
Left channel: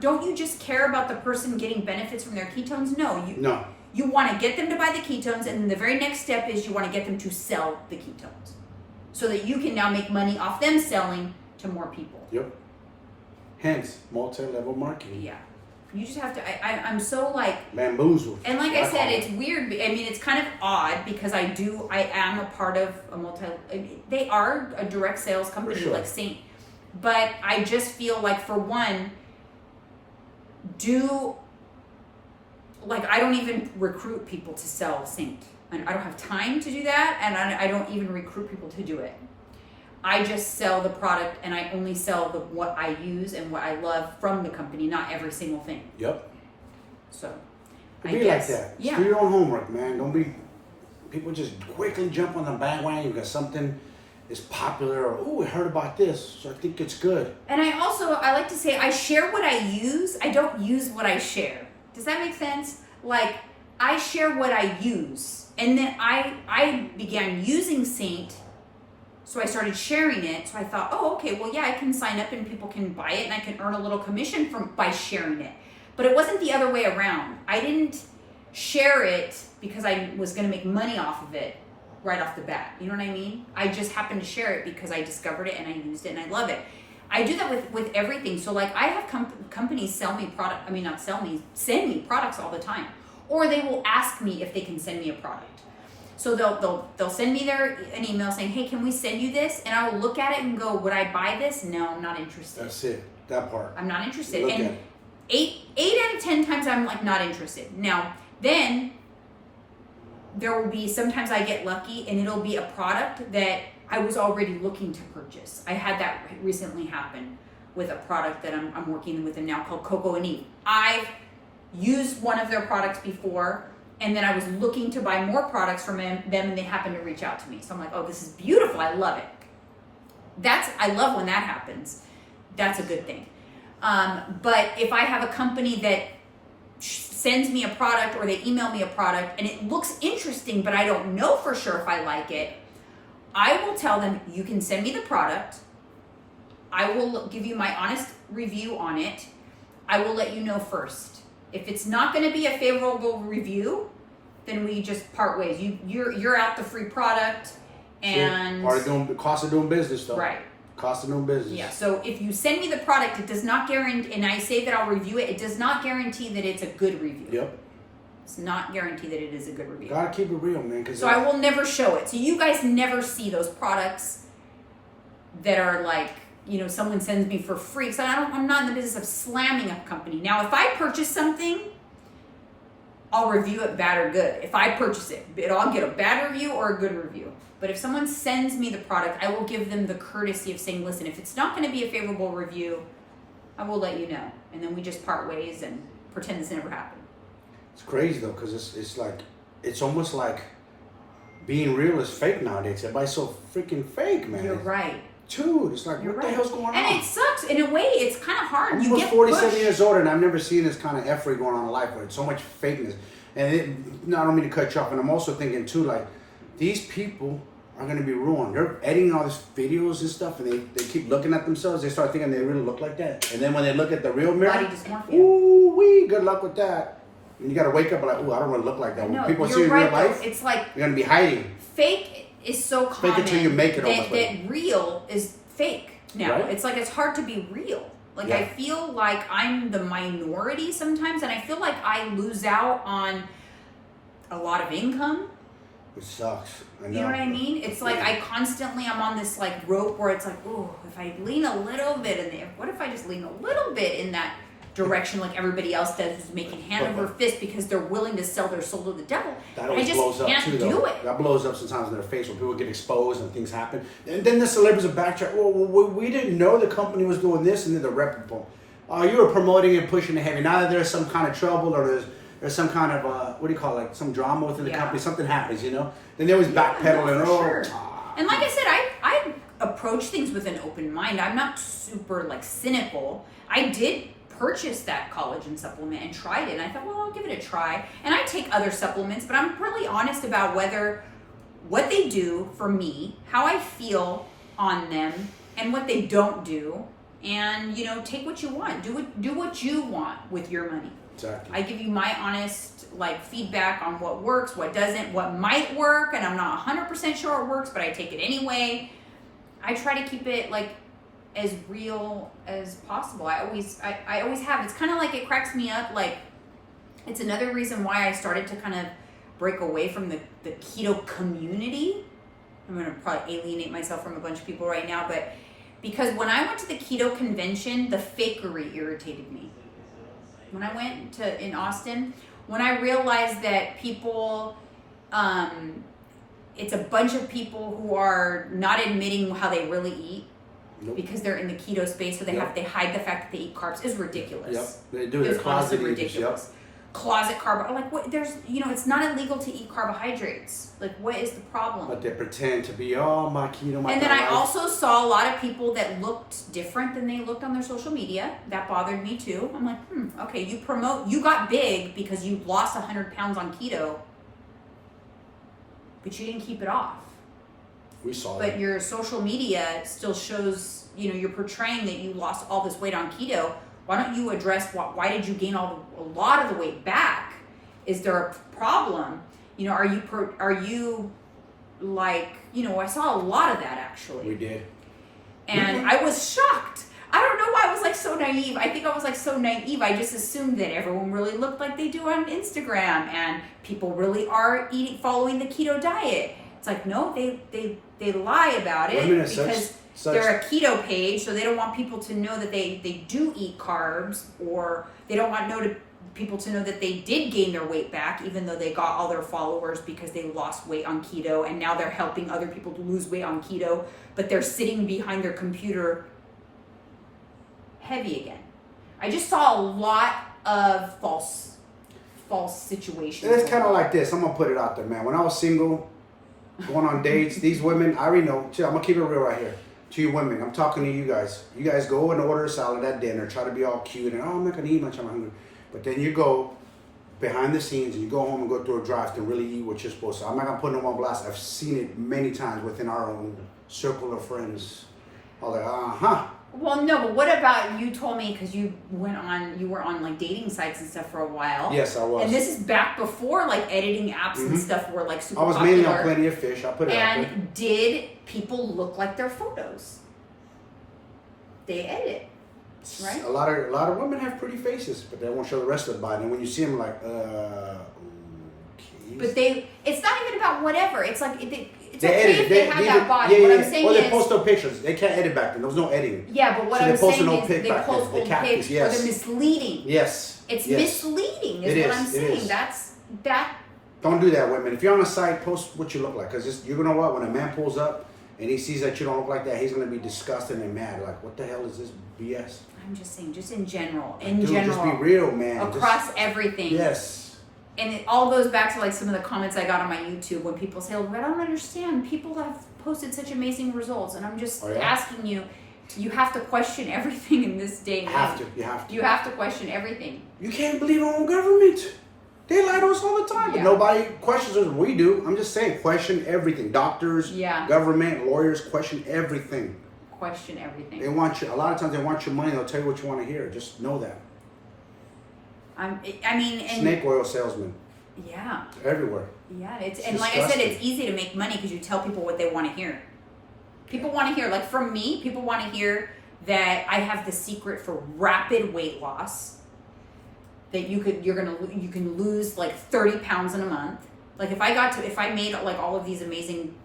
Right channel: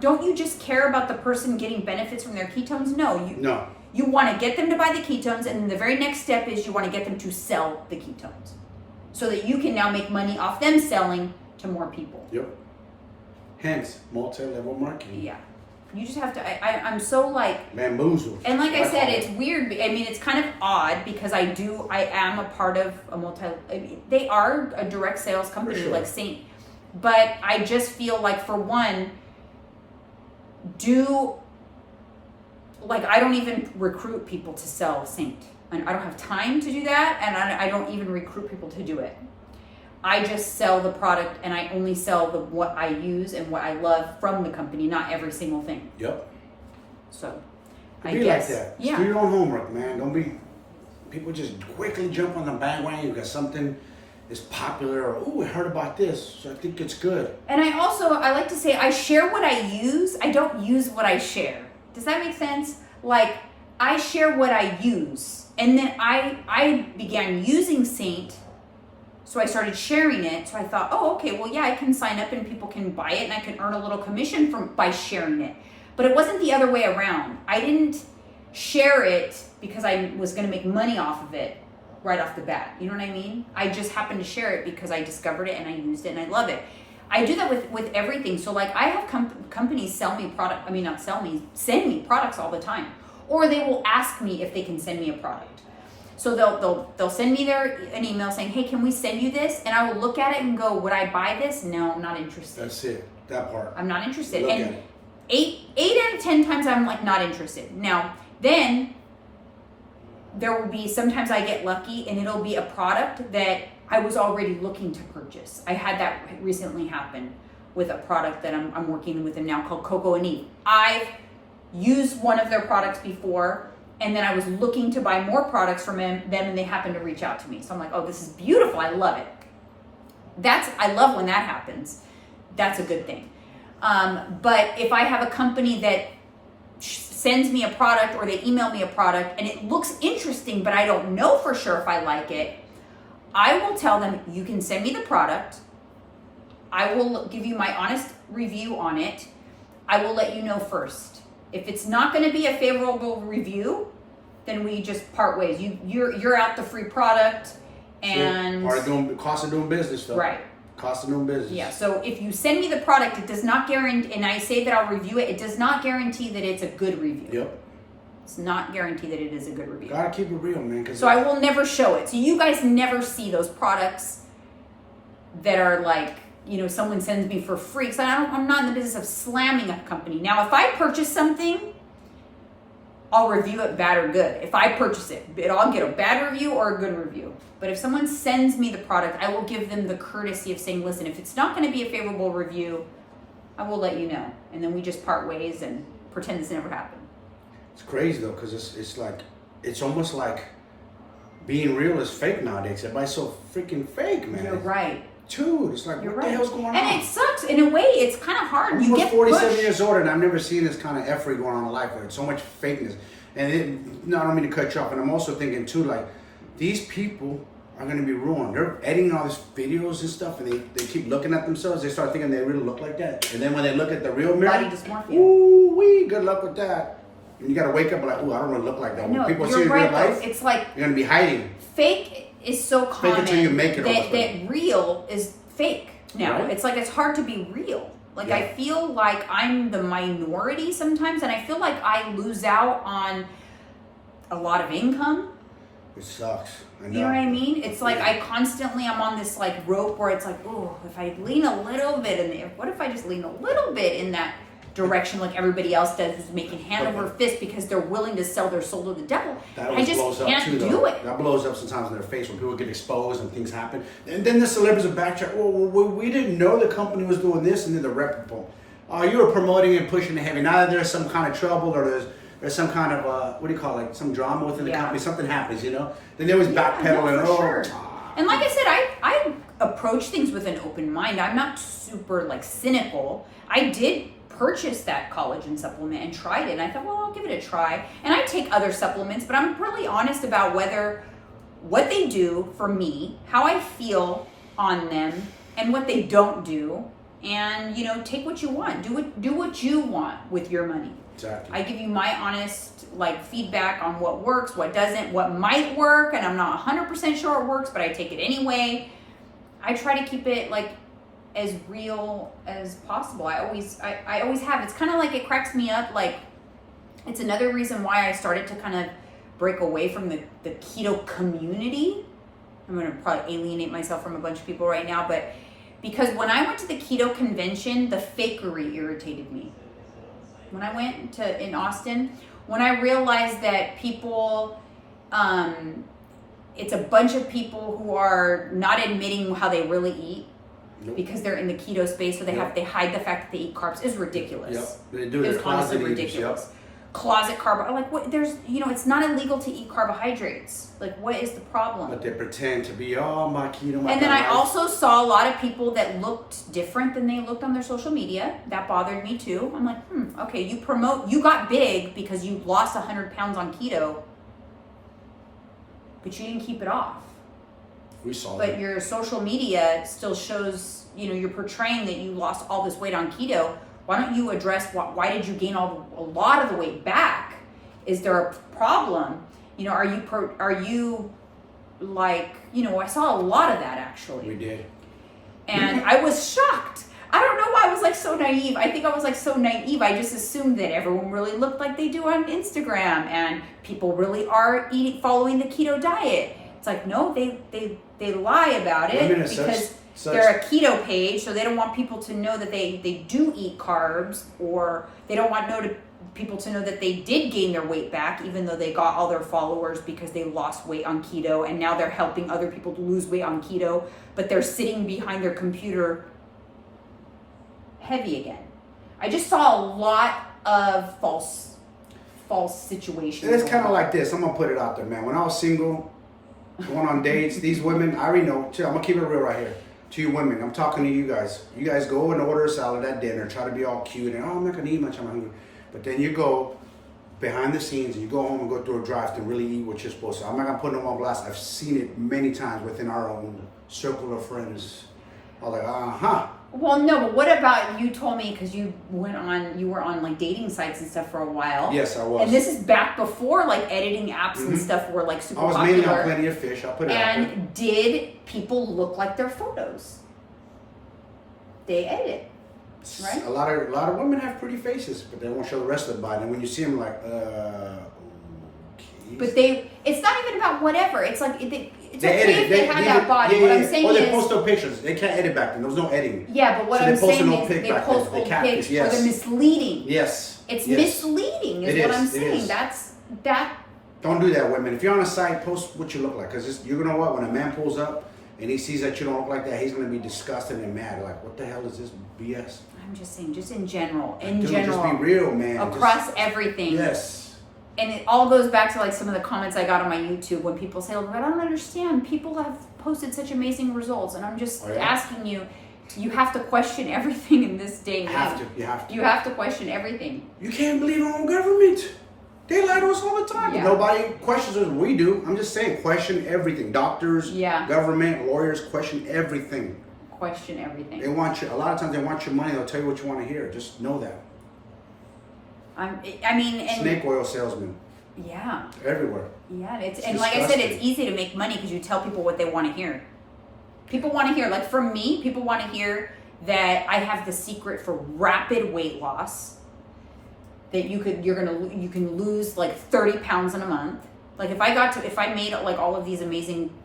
don't you just care about the person getting benefits from their ketones? No. You want to get them to buy the ketones, and then the very next step is you want to get them to sell the ketones, so that you can now make money off them selling to more people. Yep. Hence, multi-level marketing. Yeah. You just have to, I'm so like... bamboozled. And like I said, it's weird. I mean, it's kind of odd because I am a part of they are a direct sales company, like Saint. But I just feel like, for one, I don't even recruit people to sell Saint. And I don't have time to do that, and I don't even recruit people to do it. I just sell the product, and I only sell what I use and what I love from the company, not every single thing. Yep. So, Be like that. Yeah. Do your own homework, man. Don't be, people just quickly jump on the bandwagon because something is popular, or, oh, I heard about this, so I think it's good. And I like to say, I share what I use. I don't use what I share. Does that make sense? Like, I share what I use. And then I began using Saint. So I started sharing it. So I thought, oh, okay, well, yeah, I can sign up and people can buy it and I can earn a little commission by sharing it. But it wasn't the other way around. I didn't share it because I was going to make money off of it right off the bat. You know what I mean? I just happened to share it because I discovered it and I used it and I love it. I do that with everything. So like, I have companies send me products all the time. Or they will ask me if they can send me a product. So they'll send me an email saying, hey, can we send you this? And I will look at it and go, would I buy this? No, I'm not interested. That's it. That part. I'm not interested. Look And at it. 8 out of 10 times I'm like not interested. Now, then there will be, sometimes I get lucky and it'll be a product that I was already looking to purchase. I had that recently happen with a product that I'm working with them now called Coco and Eve. I've used one of their products before, and then I was looking to buy more products from them, and they happened to reach out to me. So I'm like, oh, this is beautiful. I love it. I love when that happens. That's a good thing. But if I have a company that sends me a product or they email me a product and it looks interesting, but I don't know for sure if I like it, I will tell them, you can send me the product. I will give you my honest review on it. I will let you know first. If it's not going to be a favorable review, then we just part ways. You're out the free product, And part of doing cost of doing business, though. Right. Cost of doing business. Yeah. So if you send me the product, it does not guarantee, and I say that I'll review it. It does not guarantee that it's a good review. Yep. It's not guaranteed that it is a good review. Gotta keep it real, man. So I will never show it. So you guys never see those products that are like, you know, someone sends me for free. So I'm not in the business of slamming a company. Now, if I purchase something, I'll review it bad or good. If I purchase it, I'll get a bad review or a good review. But if someone sends me the product, I will give them the courtesy of saying, listen, if it's not going to be a favorable review, I will let you know. And then we just part ways and pretend this never happened. It's crazy, though, because it's like, it's almost like being real is fake nowadays. Everybody's so freaking fake, man. You're right. Dude, it's like, what the hell's going on? And it sucks. In a way, it's kind of hard. I'm almost 47 years old, and I've never seen this kind of effery going on in life. Like, so much fakeness. And I don't mean to cut you off, and I'm also thinking, too, like, these people are going to be ruined. They're editing all these videos and stuff, and they keep looking at themselves. They start thinking they really look like that. And then when they look at the real mirror, body dysmorphia. Ooh, wee, good luck with that. And you got to wake up and like, ooh, I don't want to look like that. When people see in real life, it's like you're going to be hiding. Fake is so common fake until you make it that real is fake now. Right? It's like it's hard to be real. Like Yeah. I feel like I'm the minority sometimes, and I feel like I lose out on a lot of income. It sucks. I know. You know what I mean? It's like I'm on this like rope where it's like, oh, if I lean a little bit in there, what if I just lean a little bit in that direction like everybody else does, who's making hand over fist because they're willing to sell their soul to the devil. That I just blows up can't too, do though. it. That blows up sometimes in their face when people get exposed and things happen. And then the celebrities will backtrack. Well, we didn't know the company was doing this, and then the reputable. You were promoting and pushing it heavy. Now that there's some kind of trouble or there's some kind of what do you call it? Like some drama within the company. Something happens, you know. Then they always backpedal and sure. And like I said, I approach things with an open mind. I'm not super like cynical. I did purchase that collagen supplement and tried it, and I thought, well, I'll give it a try. And I take other supplements, but I'm really honest about what they do for me, how I feel on them, and what they don't do. And you know, take what you want. Do what you want with your money. Exactly. I give you my honest like feedback on what works, what doesn't, what might work, and I'm not 100% sure it works, but I take it anyway. I try to keep it like as real as possible. I always have. It's kind of like, it cracks me up. Like, it's another reason why I started to kind of break away from the keto community. I'm going to probably alienate myself from a bunch of people right now, but because when I went to the keto convention, the fakery irritated me. When I went in Austin, when I realized that people, it's a bunch of people who are not admitting how they really eat. Nope. Because they're in the keto space, so they hide the fact that they eat carbs. Is ridiculous. Yep, they do. It's honestly ridiculous. Yep. Closet carb, like what? There's, you know, it's not illegal to eat carbohydrates. Like, what is the problem? But they pretend to be, oh, my keto, my. And then I also saw a lot of people that looked different than they looked on their social media. That bothered me too. I'm like, okay, you got big because you lost 100 pounds on keto, but you didn't keep it off. We saw that. But your social media still shows, you know, you're portraying that you lost all this weight on keto. Why don't you address why did you gain a lot of the weight back? Is there a problem? You know, are you like, you know, I saw a lot of that actually. We did. And I was shocked. I don't know why I was like so naive. I think I was like so naive. I just assumed that everyone really looked like they do on Instagram and people really are following the keto diet. It's like, no, they lie about it because they're a keto page, so they don't want people to know that they do eat carbs, or they don't want people to know that they did gain their weight back, even though they got all their followers because they lost weight on keto, and now they're helping other people to lose weight on keto, but they're sitting behind their computer heavy again. I just saw a lot of false situations. It's kind of like this. I'm gonna put it out there, man. When I was single, going on dates, these women, I already know. I'm gonna keep it real right here. To you women, I'm talking to you guys. You guys go and order a salad at dinner, try to be all cute, and I'm not gonna eat much, I'm hungry. But then you go behind the scenes and you go home and go through a drive-thru and really eat what you're supposed to. I'm not gonna put them on blast. I've seen it many times within our own circle of friends. I was like, Well, no, but what about, you told me, because you were on like dating sites and stuff for a while. Yes, I was. And this is back before like editing apps and stuff were like super popular. I was mainly on Plenty of Fish. I'll put it out there. And did people look like their photos? They edit, right? A lot of women have pretty faces, but they won't show the rest of the body. And when you see them, like, okay. But it's not even about whatever. It's like, it's they okay edit. if they have that body. What I'm saying or is, they post no pictures. They can't edit back then. There was no editing. yeah, but what So I'm they post saying an old is pic they back post then. They old catfish, pics yes. or they're misleading. Yes. It's yes. misleading is It what is. I'm It saying. is. That. Don't do that, women. If you're on a site, post what you look like. Because you know what? When a man pulls up and he sees that you don't look like that, he's going to be disgusted and mad. Like, what the hell is this BS? I'm just saying, just in general. Just be real, man. Across everything. Yes. And it all goes back to like some of the comments I got on my YouTube when people say, "I don't understand. People have posted such amazing results," and I'm just asking you. You have to question everything in this day and age. You have to. You have to question everything. You can't believe our own government. They lie to us all the time. Yeah. Nobody questions us. We do. I'm just saying, question everything. Doctors, government, lawyers, question everything. Question everything. They want you. A lot of times, they want your money. They'll tell you what you want to hear. Just know that. Snake oil salesmen. Yeah. Everywhere. Yeah, and like I said, it's easy to make money because you tell people what they want to hear. People want to hear, like for me, people want to hear that I have the secret for rapid weight loss. That you can lose like 30 pounds in a month. Like if I made like all of these amazing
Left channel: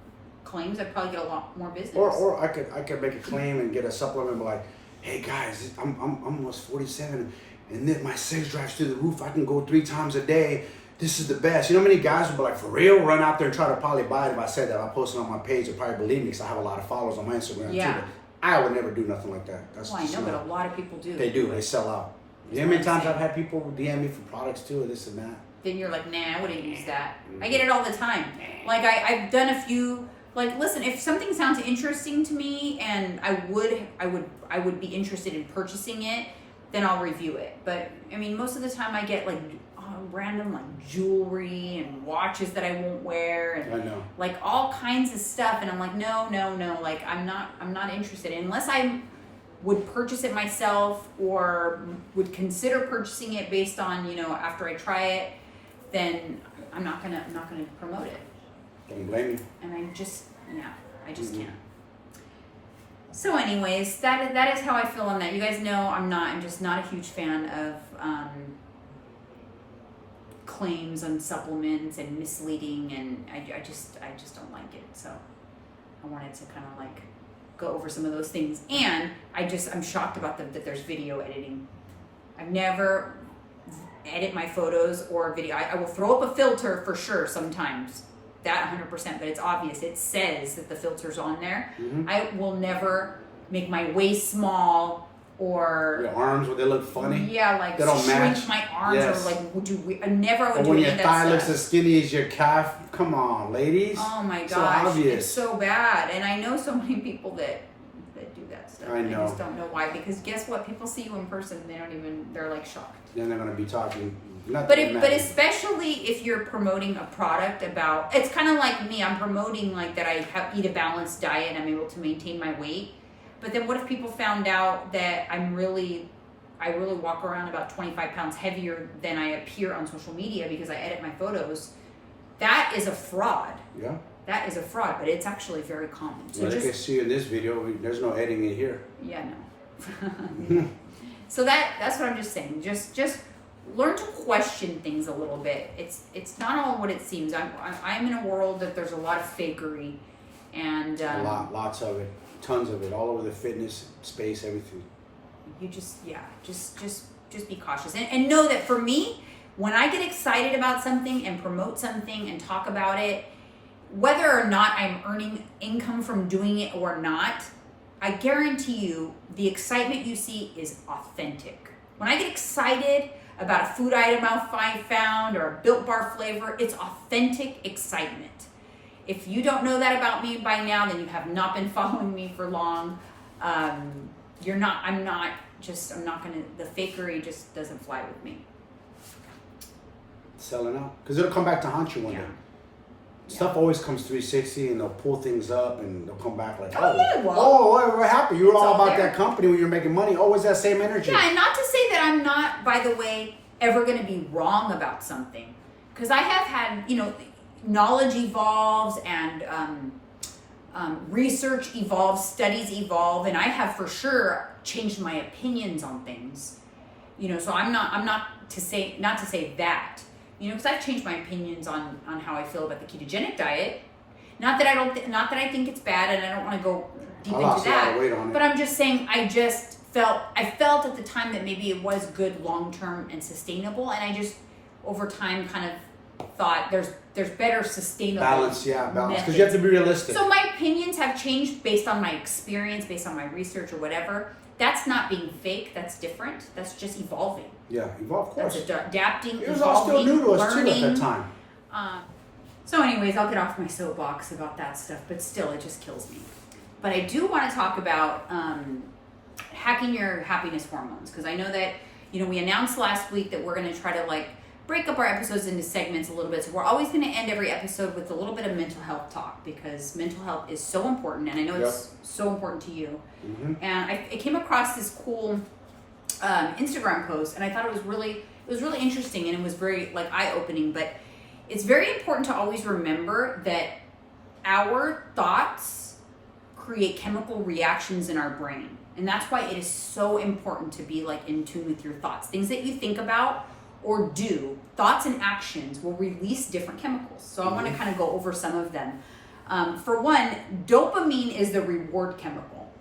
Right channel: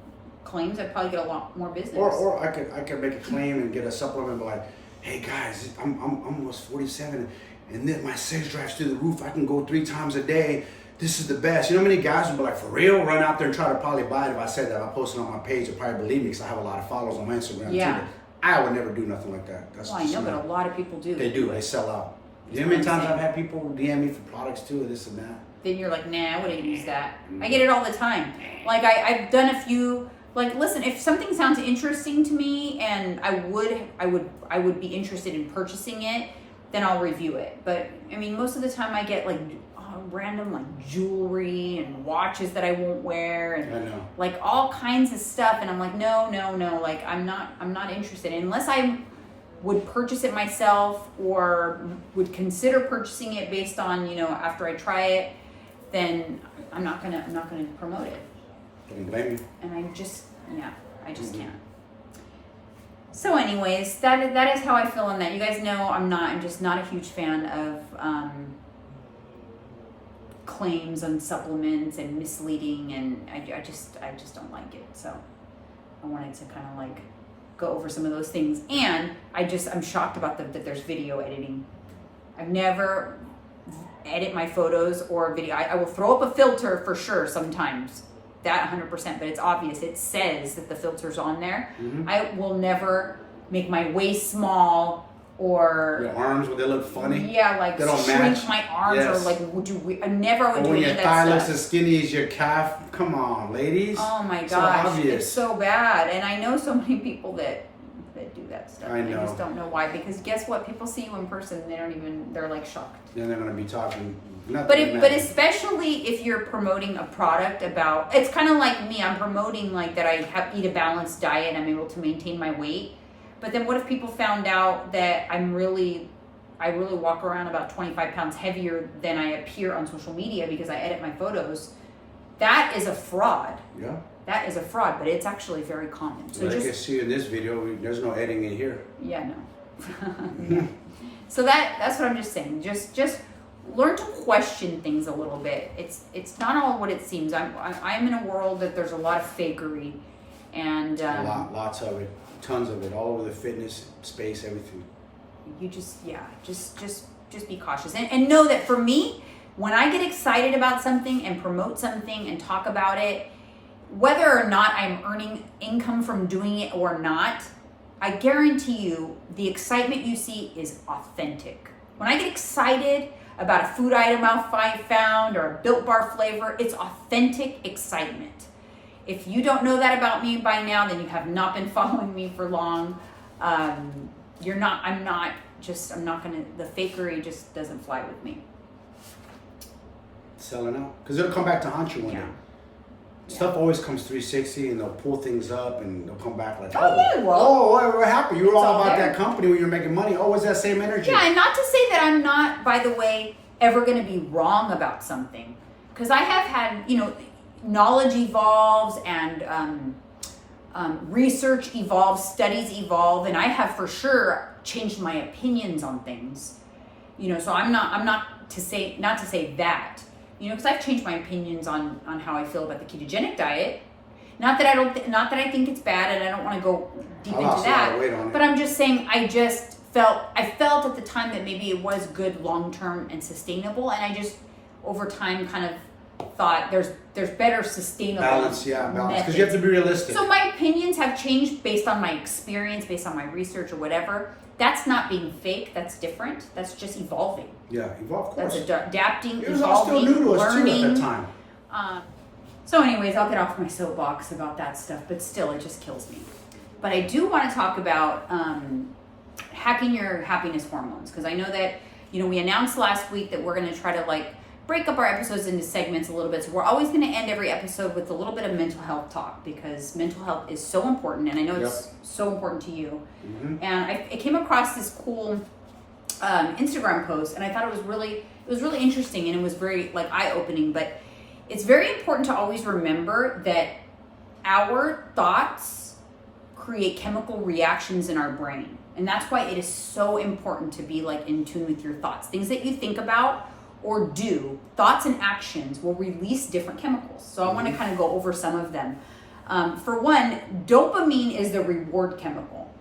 claims, I'd probably get a lot more business. Or I could make a claim and get a supplement, but like, hey guys, I'm almost 47, and then my sex drive's through the roof. I can go 3 times a day. This is the best. You know how many guys would be like, for real? Run out there and try to probably buy it. If I said that, I'll post it on my page. They'll probably believe me because I have a lot of followers on my Instagram. Yeah. Too. I would never do nothing like that. Well, I know, but a lot of people do. They do. They sell out. You know how many times I've had people DM me for products too, or this and that? Then you're like, nah, I wouldn't use that. I get it all the time. Like I've done a few. Like, listen, if something sounds interesting to me and I would be interested in purchasing it, then I'll review it. But I mean, most of the time I get like random like jewelry and watches that I won't wear and I know. Like all kinds of stuff, and I'm like, no. Like I'm not interested unless I would purchase it myself or would consider purchasing it based on, after I try it, then I'm not gonna promote it. Don't blame you. And I just can't. So anyways, that is how I feel on that. You guys know I'm just not a huge fan of claims on supplements and misleading, and I just don't like it. So I wanted to kind of like go over some of those things, and I'm shocked about that there's video editing. I've never edit my photos or video. I will throw up a filter for sure sometimes, that 100%, but it's obvious. It says that the filter's on there. Mm-hmm. I will never make my waist small or your arms when they look funny. Yeah, like they don't shrink match. my arms or like I never. Or when your thigh looks as skinny as your calf. Come on, ladies. Oh my gosh, so obvious. It's so bad, and I know so many people that do that stuff. I know. I just don't know why. Because guess what? People see you in person, and they're like shocked. Then they're gonna be talking. But especially if you're promoting a product about, it's kind of like me. I'm promoting like that I eat a balanced diet and I'm able to maintain my weight. But then what if people found out that I really walk around about 25 pounds heavier than I appear on social media because I edit my photos? That is a fraud. Yeah. That is a fraud, but it's actually very common. So well, they can see in this video, there's no editing it here. Yeah, no. So that's what I'm just saying. Just learn to question things a little bit. It's not all what it seems. I'm in a world that there's a lot of fakery, and lots of it, tons of it, all over the fitness space, everything. You just be cautious and know that for me, when I get excited about something and promote something and talk about it, whether or not I'm earning income from doing it or not, I guarantee you the excitement you see is authentic. When I get excited about a food item I found or a Built Bar flavor, it's authentic excitement. If you don't know that about me by now, then you have not been following me for long. The fakery just doesn't fly with me. Selling out. Because it'll come back to haunt you one day. stuff always comes 360, and they'll pull things up, and they'll come back like, Oh, yeah, well, we're happy. You were all about there. that company when you're making money. Oh, it's that same energy. Yeah, and not to say that I'm not, by the way, ever going to be wrong about something. Because I have had, knowledge evolves and research evolves, studies evolve, and I have for sure changed my opinions on things. So I'm not to say that, because I've changed my opinions on how I feel about the ketogenic diet. Not that I think it's bad, and I don't want to go deep into that. But I'm just saying, I felt at the time that maybe it was good long term and sustainable, and I just over time kind of thought there's better sustainable balance, because you have to be realistic. So my opinions have changed based on my experience, based on my research or whatever. That's not being fake. That's different. That's just evolving. Yeah, evolve, of course. That's adapting, it was all still new to us too at that time. So anyways, I'll get off my soapbox about that stuff, but still, it just kills me. But I do want to talk about hacking your happiness hormones, because I know that, we announced last week that we're going to try to break up our episodes into segments a little bit. So we're always going to end every episode with a little bit of mental health talk, because mental health is so important, and I know it's so important to you. Mm-hmm. And I came across this cool Instagram post, and I thought it was really interesting, and it was very eye-opening. But it's very important to always remember that our thoughts create chemical reactions in our brain, and that's why it is so important to be in tune with your thoughts. Things that you think about or do, thoughts and actions will release different chemicals. So I want to kind of go over some of them. For one, dopamine is the reward chemical.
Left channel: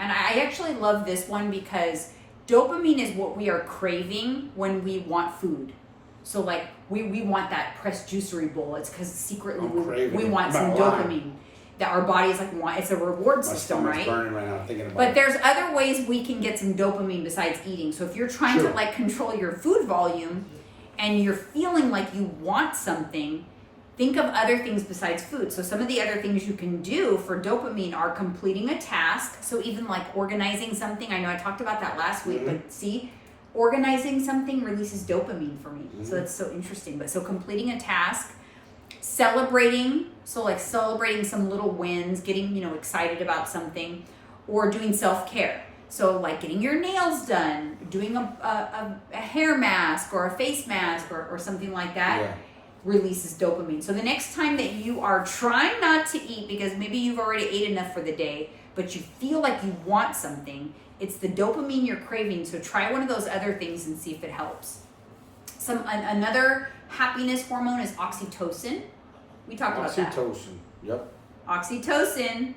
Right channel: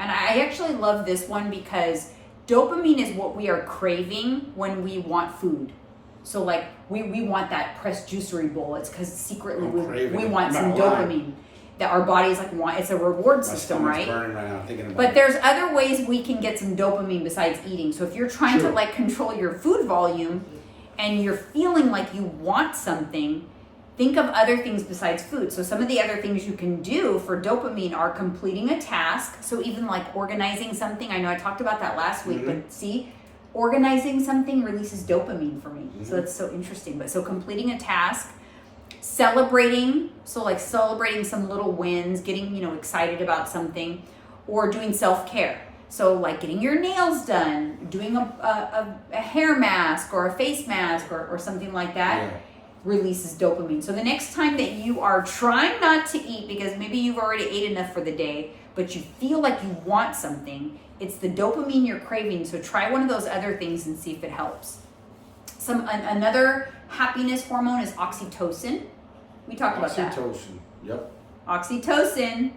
And I actually love this one because dopamine is what we are craving when we want food. So we want that pressed juicery bowl. It's because secretly we want some dopamine. That our bodies want. It's a reward system, right? Burning right now thinking about but there's other ways we can get some dopamine besides eating. So if you're trying to control your food volume and you're feeling like you want something, think of other things besides food. So some of the other things you can do for dopamine are completing a task. So even organizing something. I know I talked about that last week, but see, organizing something releases dopamine for me. So that's so interesting. But so completing a task, celebrating some little wins, getting excited about something, or doing self-care. So getting your nails done, doing a hair mask or a face mask or something like that releases dopamine. So the next time that you are trying not to eat because maybe you've already ate enough for the day, but you feel like you want something, it's the dopamine you're craving. So try one of those other things and see if it helps. Another happiness hormone is oxytocin. We talked about that. Oxytocin, yep. Oxytocin,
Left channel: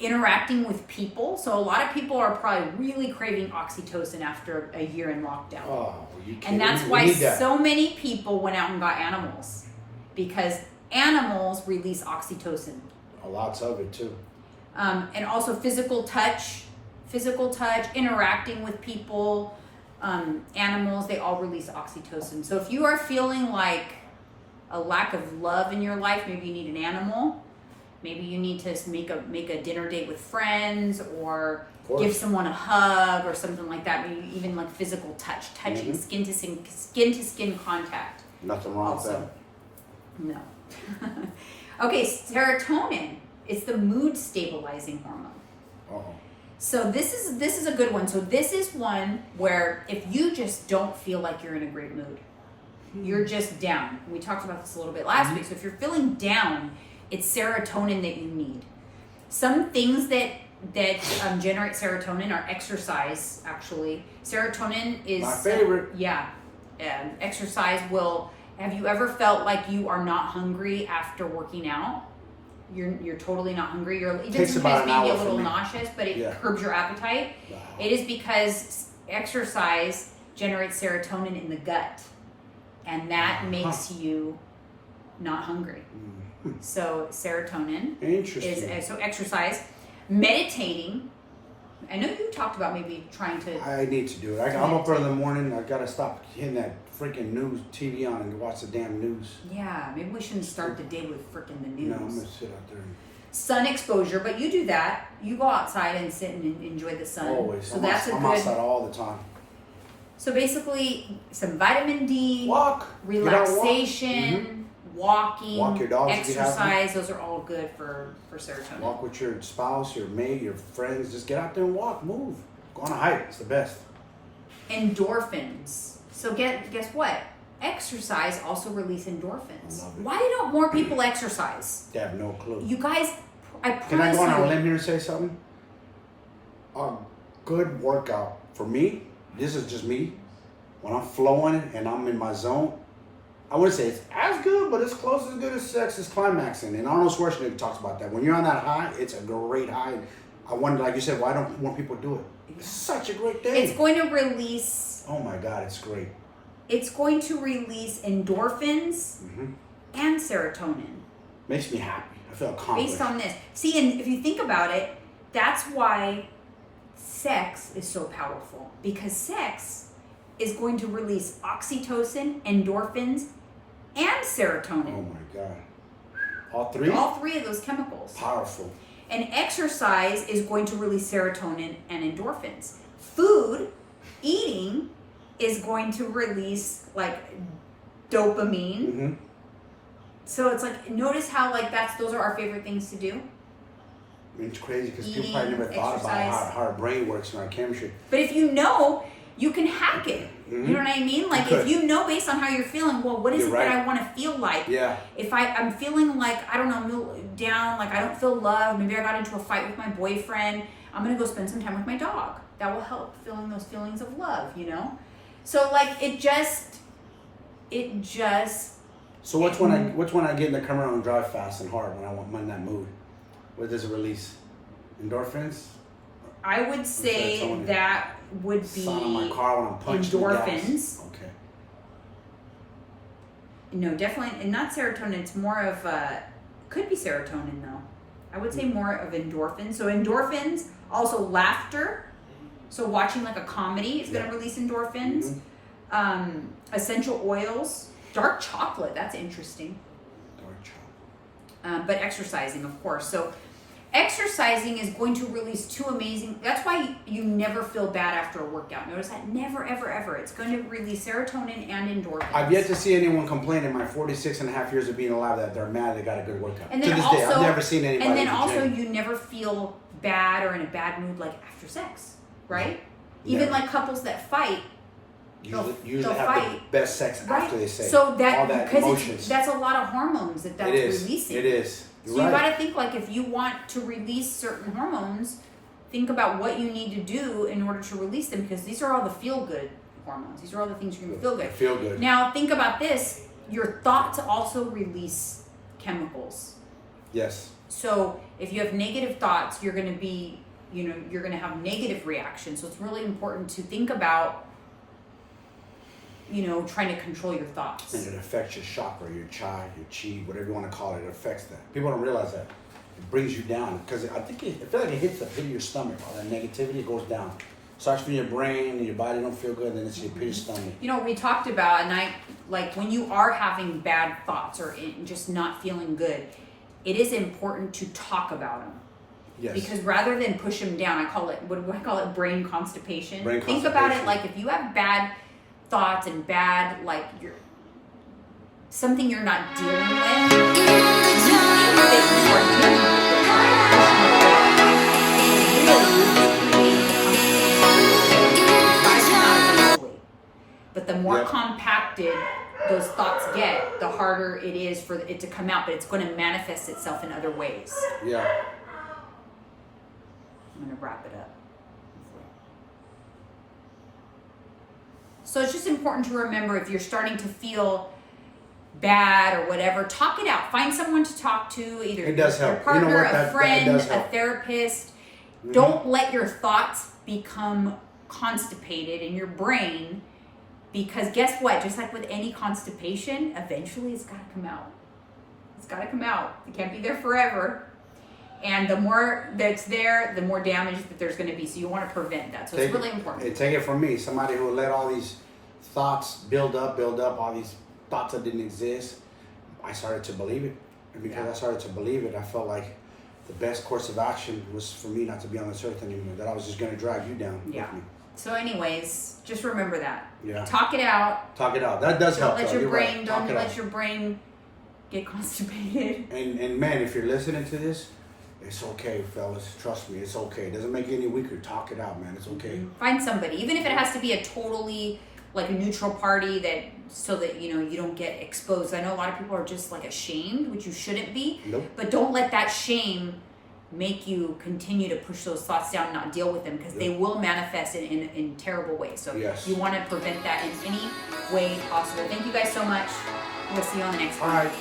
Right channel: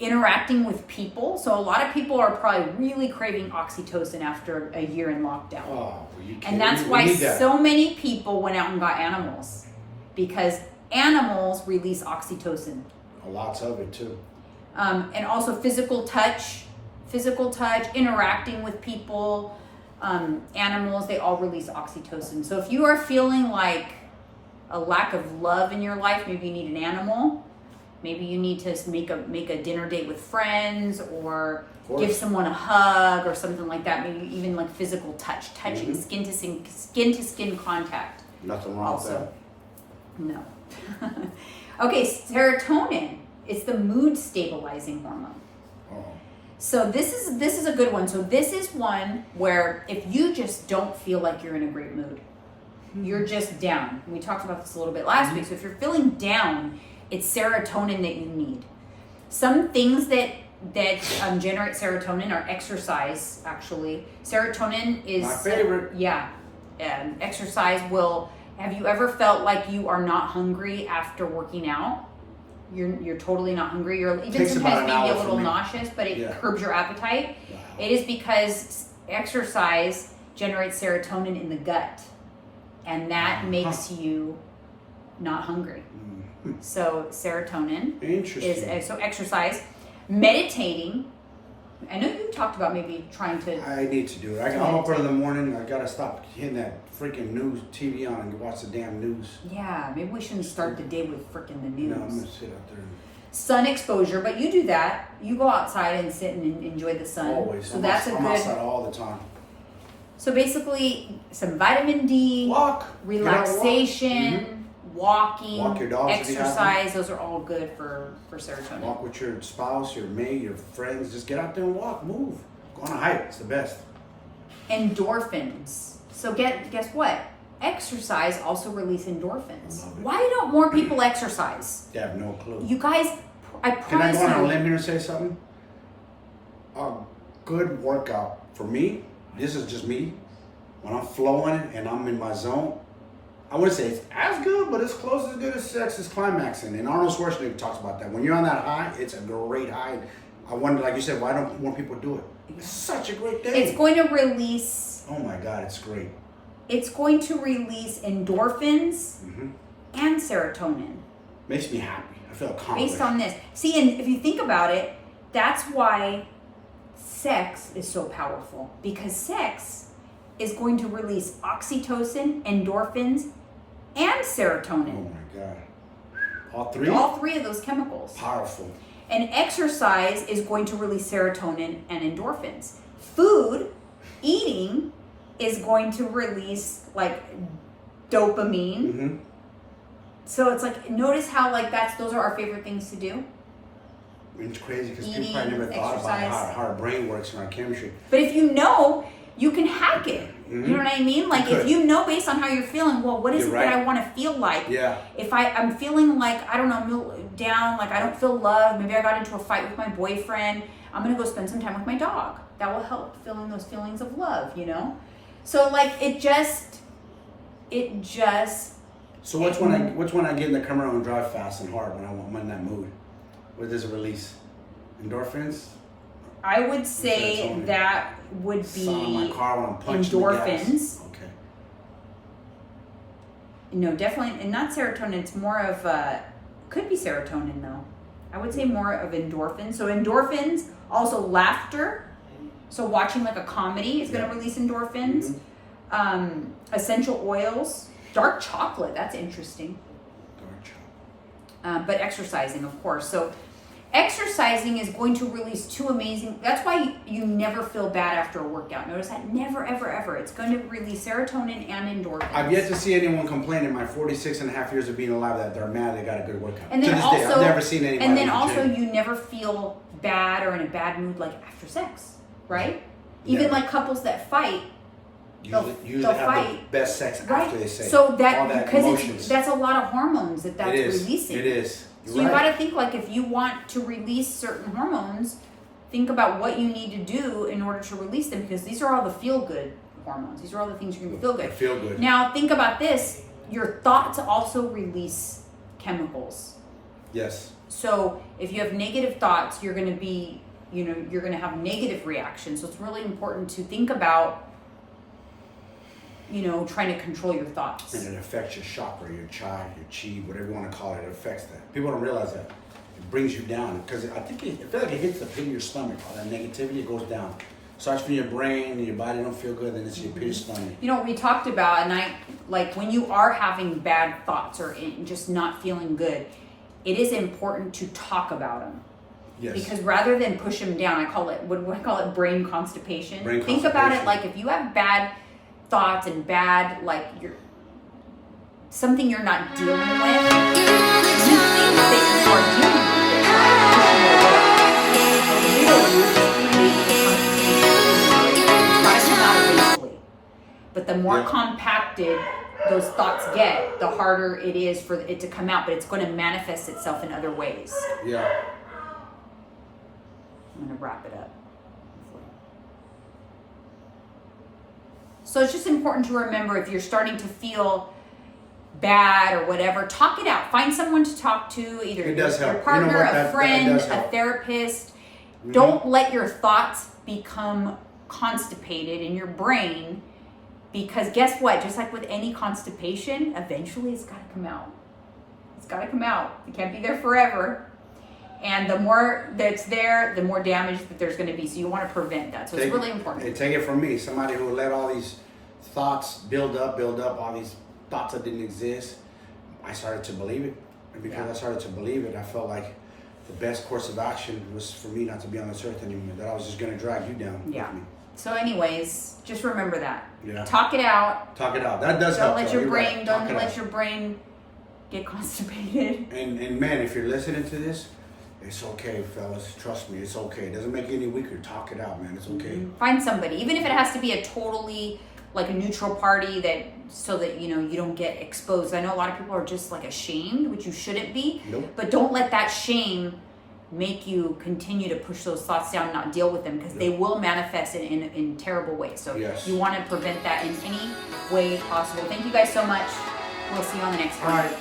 interacting with people. So a lot of people are probably really craving oxytocin after a year in lockdown. Oh, you kidding? And that's why so many people went out and got animals, because animals release oxytocin. Lots of it too. And also physical touch, interacting with people, animals, they all release oxytocin. So if you are feeling like a lack of love in your life, maybe you need an animal, maybe you need to make a dinner date with friends, or give someone a hug or something like that. Maybe even physical touching, skin to skin contact. Nothing wrong with that. No. Okay, serotonin. It's the mood stabilizing hormone. Uh-huh. So this is a good one. So this is one where if you just don't feel like you're in a great mood, you're just down. We talked about this a little bit last week. So if you're feeling down, it's serotonin that you need. Some things that generate serotonin are exercise. Actually, serotonin is my favorite. Exercise will. Have you ever felt like you are not hungry after working out? You're totally not hungry. You're even sometimes maybe a little nauseous, but it curbs your appetite. Wow. It is because exercise generates serotonin in the gut, and that makes you not hungry. So serotonin is so exercise, meditating. I know you talked about maybe trying to. I need to do it. I'm up early in the morning. I gotta stop hitting that freaking news TV on and watch the damn news. Yeah, maybe we shouldn't start the day with freaking the news. No, I'm gonna sit out there. Sun exposure, but you do that. You go outside and sit and enjoy the sun. Always. So I'm outside all the time. So basically, some vitamin D, walk, relaxation, walking, Walk your dogs if you have them. exercise, those are all good for serotonin. Walk with your spouse, your mate, your friends. Just get out there and walk, move. Go on a hike. It's the best. Endorphins. So guess what? Exercise also release endorphins. I love it. Why don't more people exercise? You have no clue. You guys, I promise Can I go on you. a limb here and say something? A good workout for me, this is just me. When I'm flowing and I'm in my zone, I wouldn't say it's as good, but it's close as good as sex is climaxing. And Arnold Schwarzenegger talks about that. When you're on that high, it's a great high. I wonder, like you said, why don't more people do it? It's such a great thing. It's going to release. Oh my God, it's great. It's going to release endorphins Mm-hmm. and serotonin. Makes me happy. I feel accomplished. Based on this. See, and if you think about it, that's why sex is so powerful. Because sex is going to release oxytocin, endorphins, and serotonin. Oh my God. All three? All three of those chemicals. Powerful. And exercise is going to release serotonin and endorphins. Food, eating, is going to release like dopamine. Mm-hmm. So it's like, notice how like those are our favorite things to do. It's crazy because people Eating, probably never thought about exercise. how our brain works and our chemistry. But if you know, you can hack it. Mm-hmm. You know what I mean? Like if you know based on how you're feeling, well, what is You're it right. that I want to feel like? Yeah. If I'm feeling like, I don't know, down, like I don't feel loved, maybe I got into a fight with my boyfriend, I'm going to go spend some time with my dog. That will help feeling those feelings of love, you know? So like it just. So which one I get in the come around and drive fast and hard when I'm in that mood? What does it release? Endorphins? I would say serotonin? that would be Sound on my car when I'm punching the endorphins. gas. Okay. No, definitely, and not serotonin. It's more of could be serotonin though. I would say more of endorphins. So endorphins, also laughter. So watching like a comedy is going to release endorphins. Mm-hmm. Essential oils, dark chocolate. That's interesting. Dark chocolate. But exercising, of course. So exercising is going to release two amazing. That's why you never feel bad after a workout. Notice that? Never, ever, ever. It's going to release serotonin and endorphins. I've yet to see anyone complain in my 46 and a half years of being alive that they're mad they got a good workout. And then to this also, day, I've never seen anybody. And then in the also, gym. you never feel bad or in a bad mood like after sex, right? Even Never. like couples that fight, usually they'll have fight. the best sex right? after they say. So all that that because emotions. that's a lot of hormones that's It is. releasing. It is. You're So you right. got to think like if you want to release certain hormones, think about what you need to do in order to release them because these are all the feel good hormones. These are all the things you're gonna feel good. Feel good. Now think about this: your thoughts also release chemicals. Yes. So if you have negative thoughts, you're going to be, you're going to have negative reactions. So it's really important to think about, trying to control your thoughts. And it affects your chakra, your chi, your chi, whatever you want to call it. It affects that. People don't realize that. It brings you down because I feel like it hits the pit of your stomach. All that negativity, it goes down. Starts from your brain, and your body don't feel good, then it's your pit of your stomach. We talked about, and like when you are having bad thoughts or just not feeling good, it is important to talk about them. Yes. Because rather than push them down, what do I call it? Brain constipation. Brain Think about it constipation. like if you have bad thoughts and bad, like something you're not dealing with. You know the drama. That you are dealing with it, You know the drama. but the more Yeah. compacted those thoughts get, the harder it is for it to come out, but it's going to manifest itself in other ways. Yeah. I'm going to wrap it up. So it's just important to remember if you're starting to feel bad or whatever, talk it out. Find someone to talk to, either It does your help. partner, You know what? a That friend, does a help. therapist. Mhm. Don't let your thoughts become constipated in your brain, because guess what? Just like with any constipation, eventually it's got to come out. It's got to come out. It can't be there forever. And the more that's there, the more damage that there's going to be. So you want to prevent that. So it's really important. Hey, take it from me, somebody who let all these thoughts build up, all these thoughts that didn't exist. I started to believe it. And because I started to believe it, I felt like the best course of action was for me not to be on this earth anymore, that I was just going to drag you down with me. So anyways, just remember that. Yeah. Talk it out. Talk it out. That does Don't help. let though. your You're brain, right. don't Talk it let out. your brain get constipated. And man, if you're listening to this, it's okay, fellas. Trust me, it's okay. It doesn't make you any weaker. Talk it out, man. It's okay. Find somebody, even if it has to be a totally like a neutral party, that so that you know you don't get exposed. I know a lot of people are just like ashamed, which you shouldn't be. Nope. But don't let that shame make you continue to push those thoughts down and not deal with them, because they will manifest in terrible ways. So you want to prevent that in any way possible. Thank you guys so much. We'll see you on the next one. All right.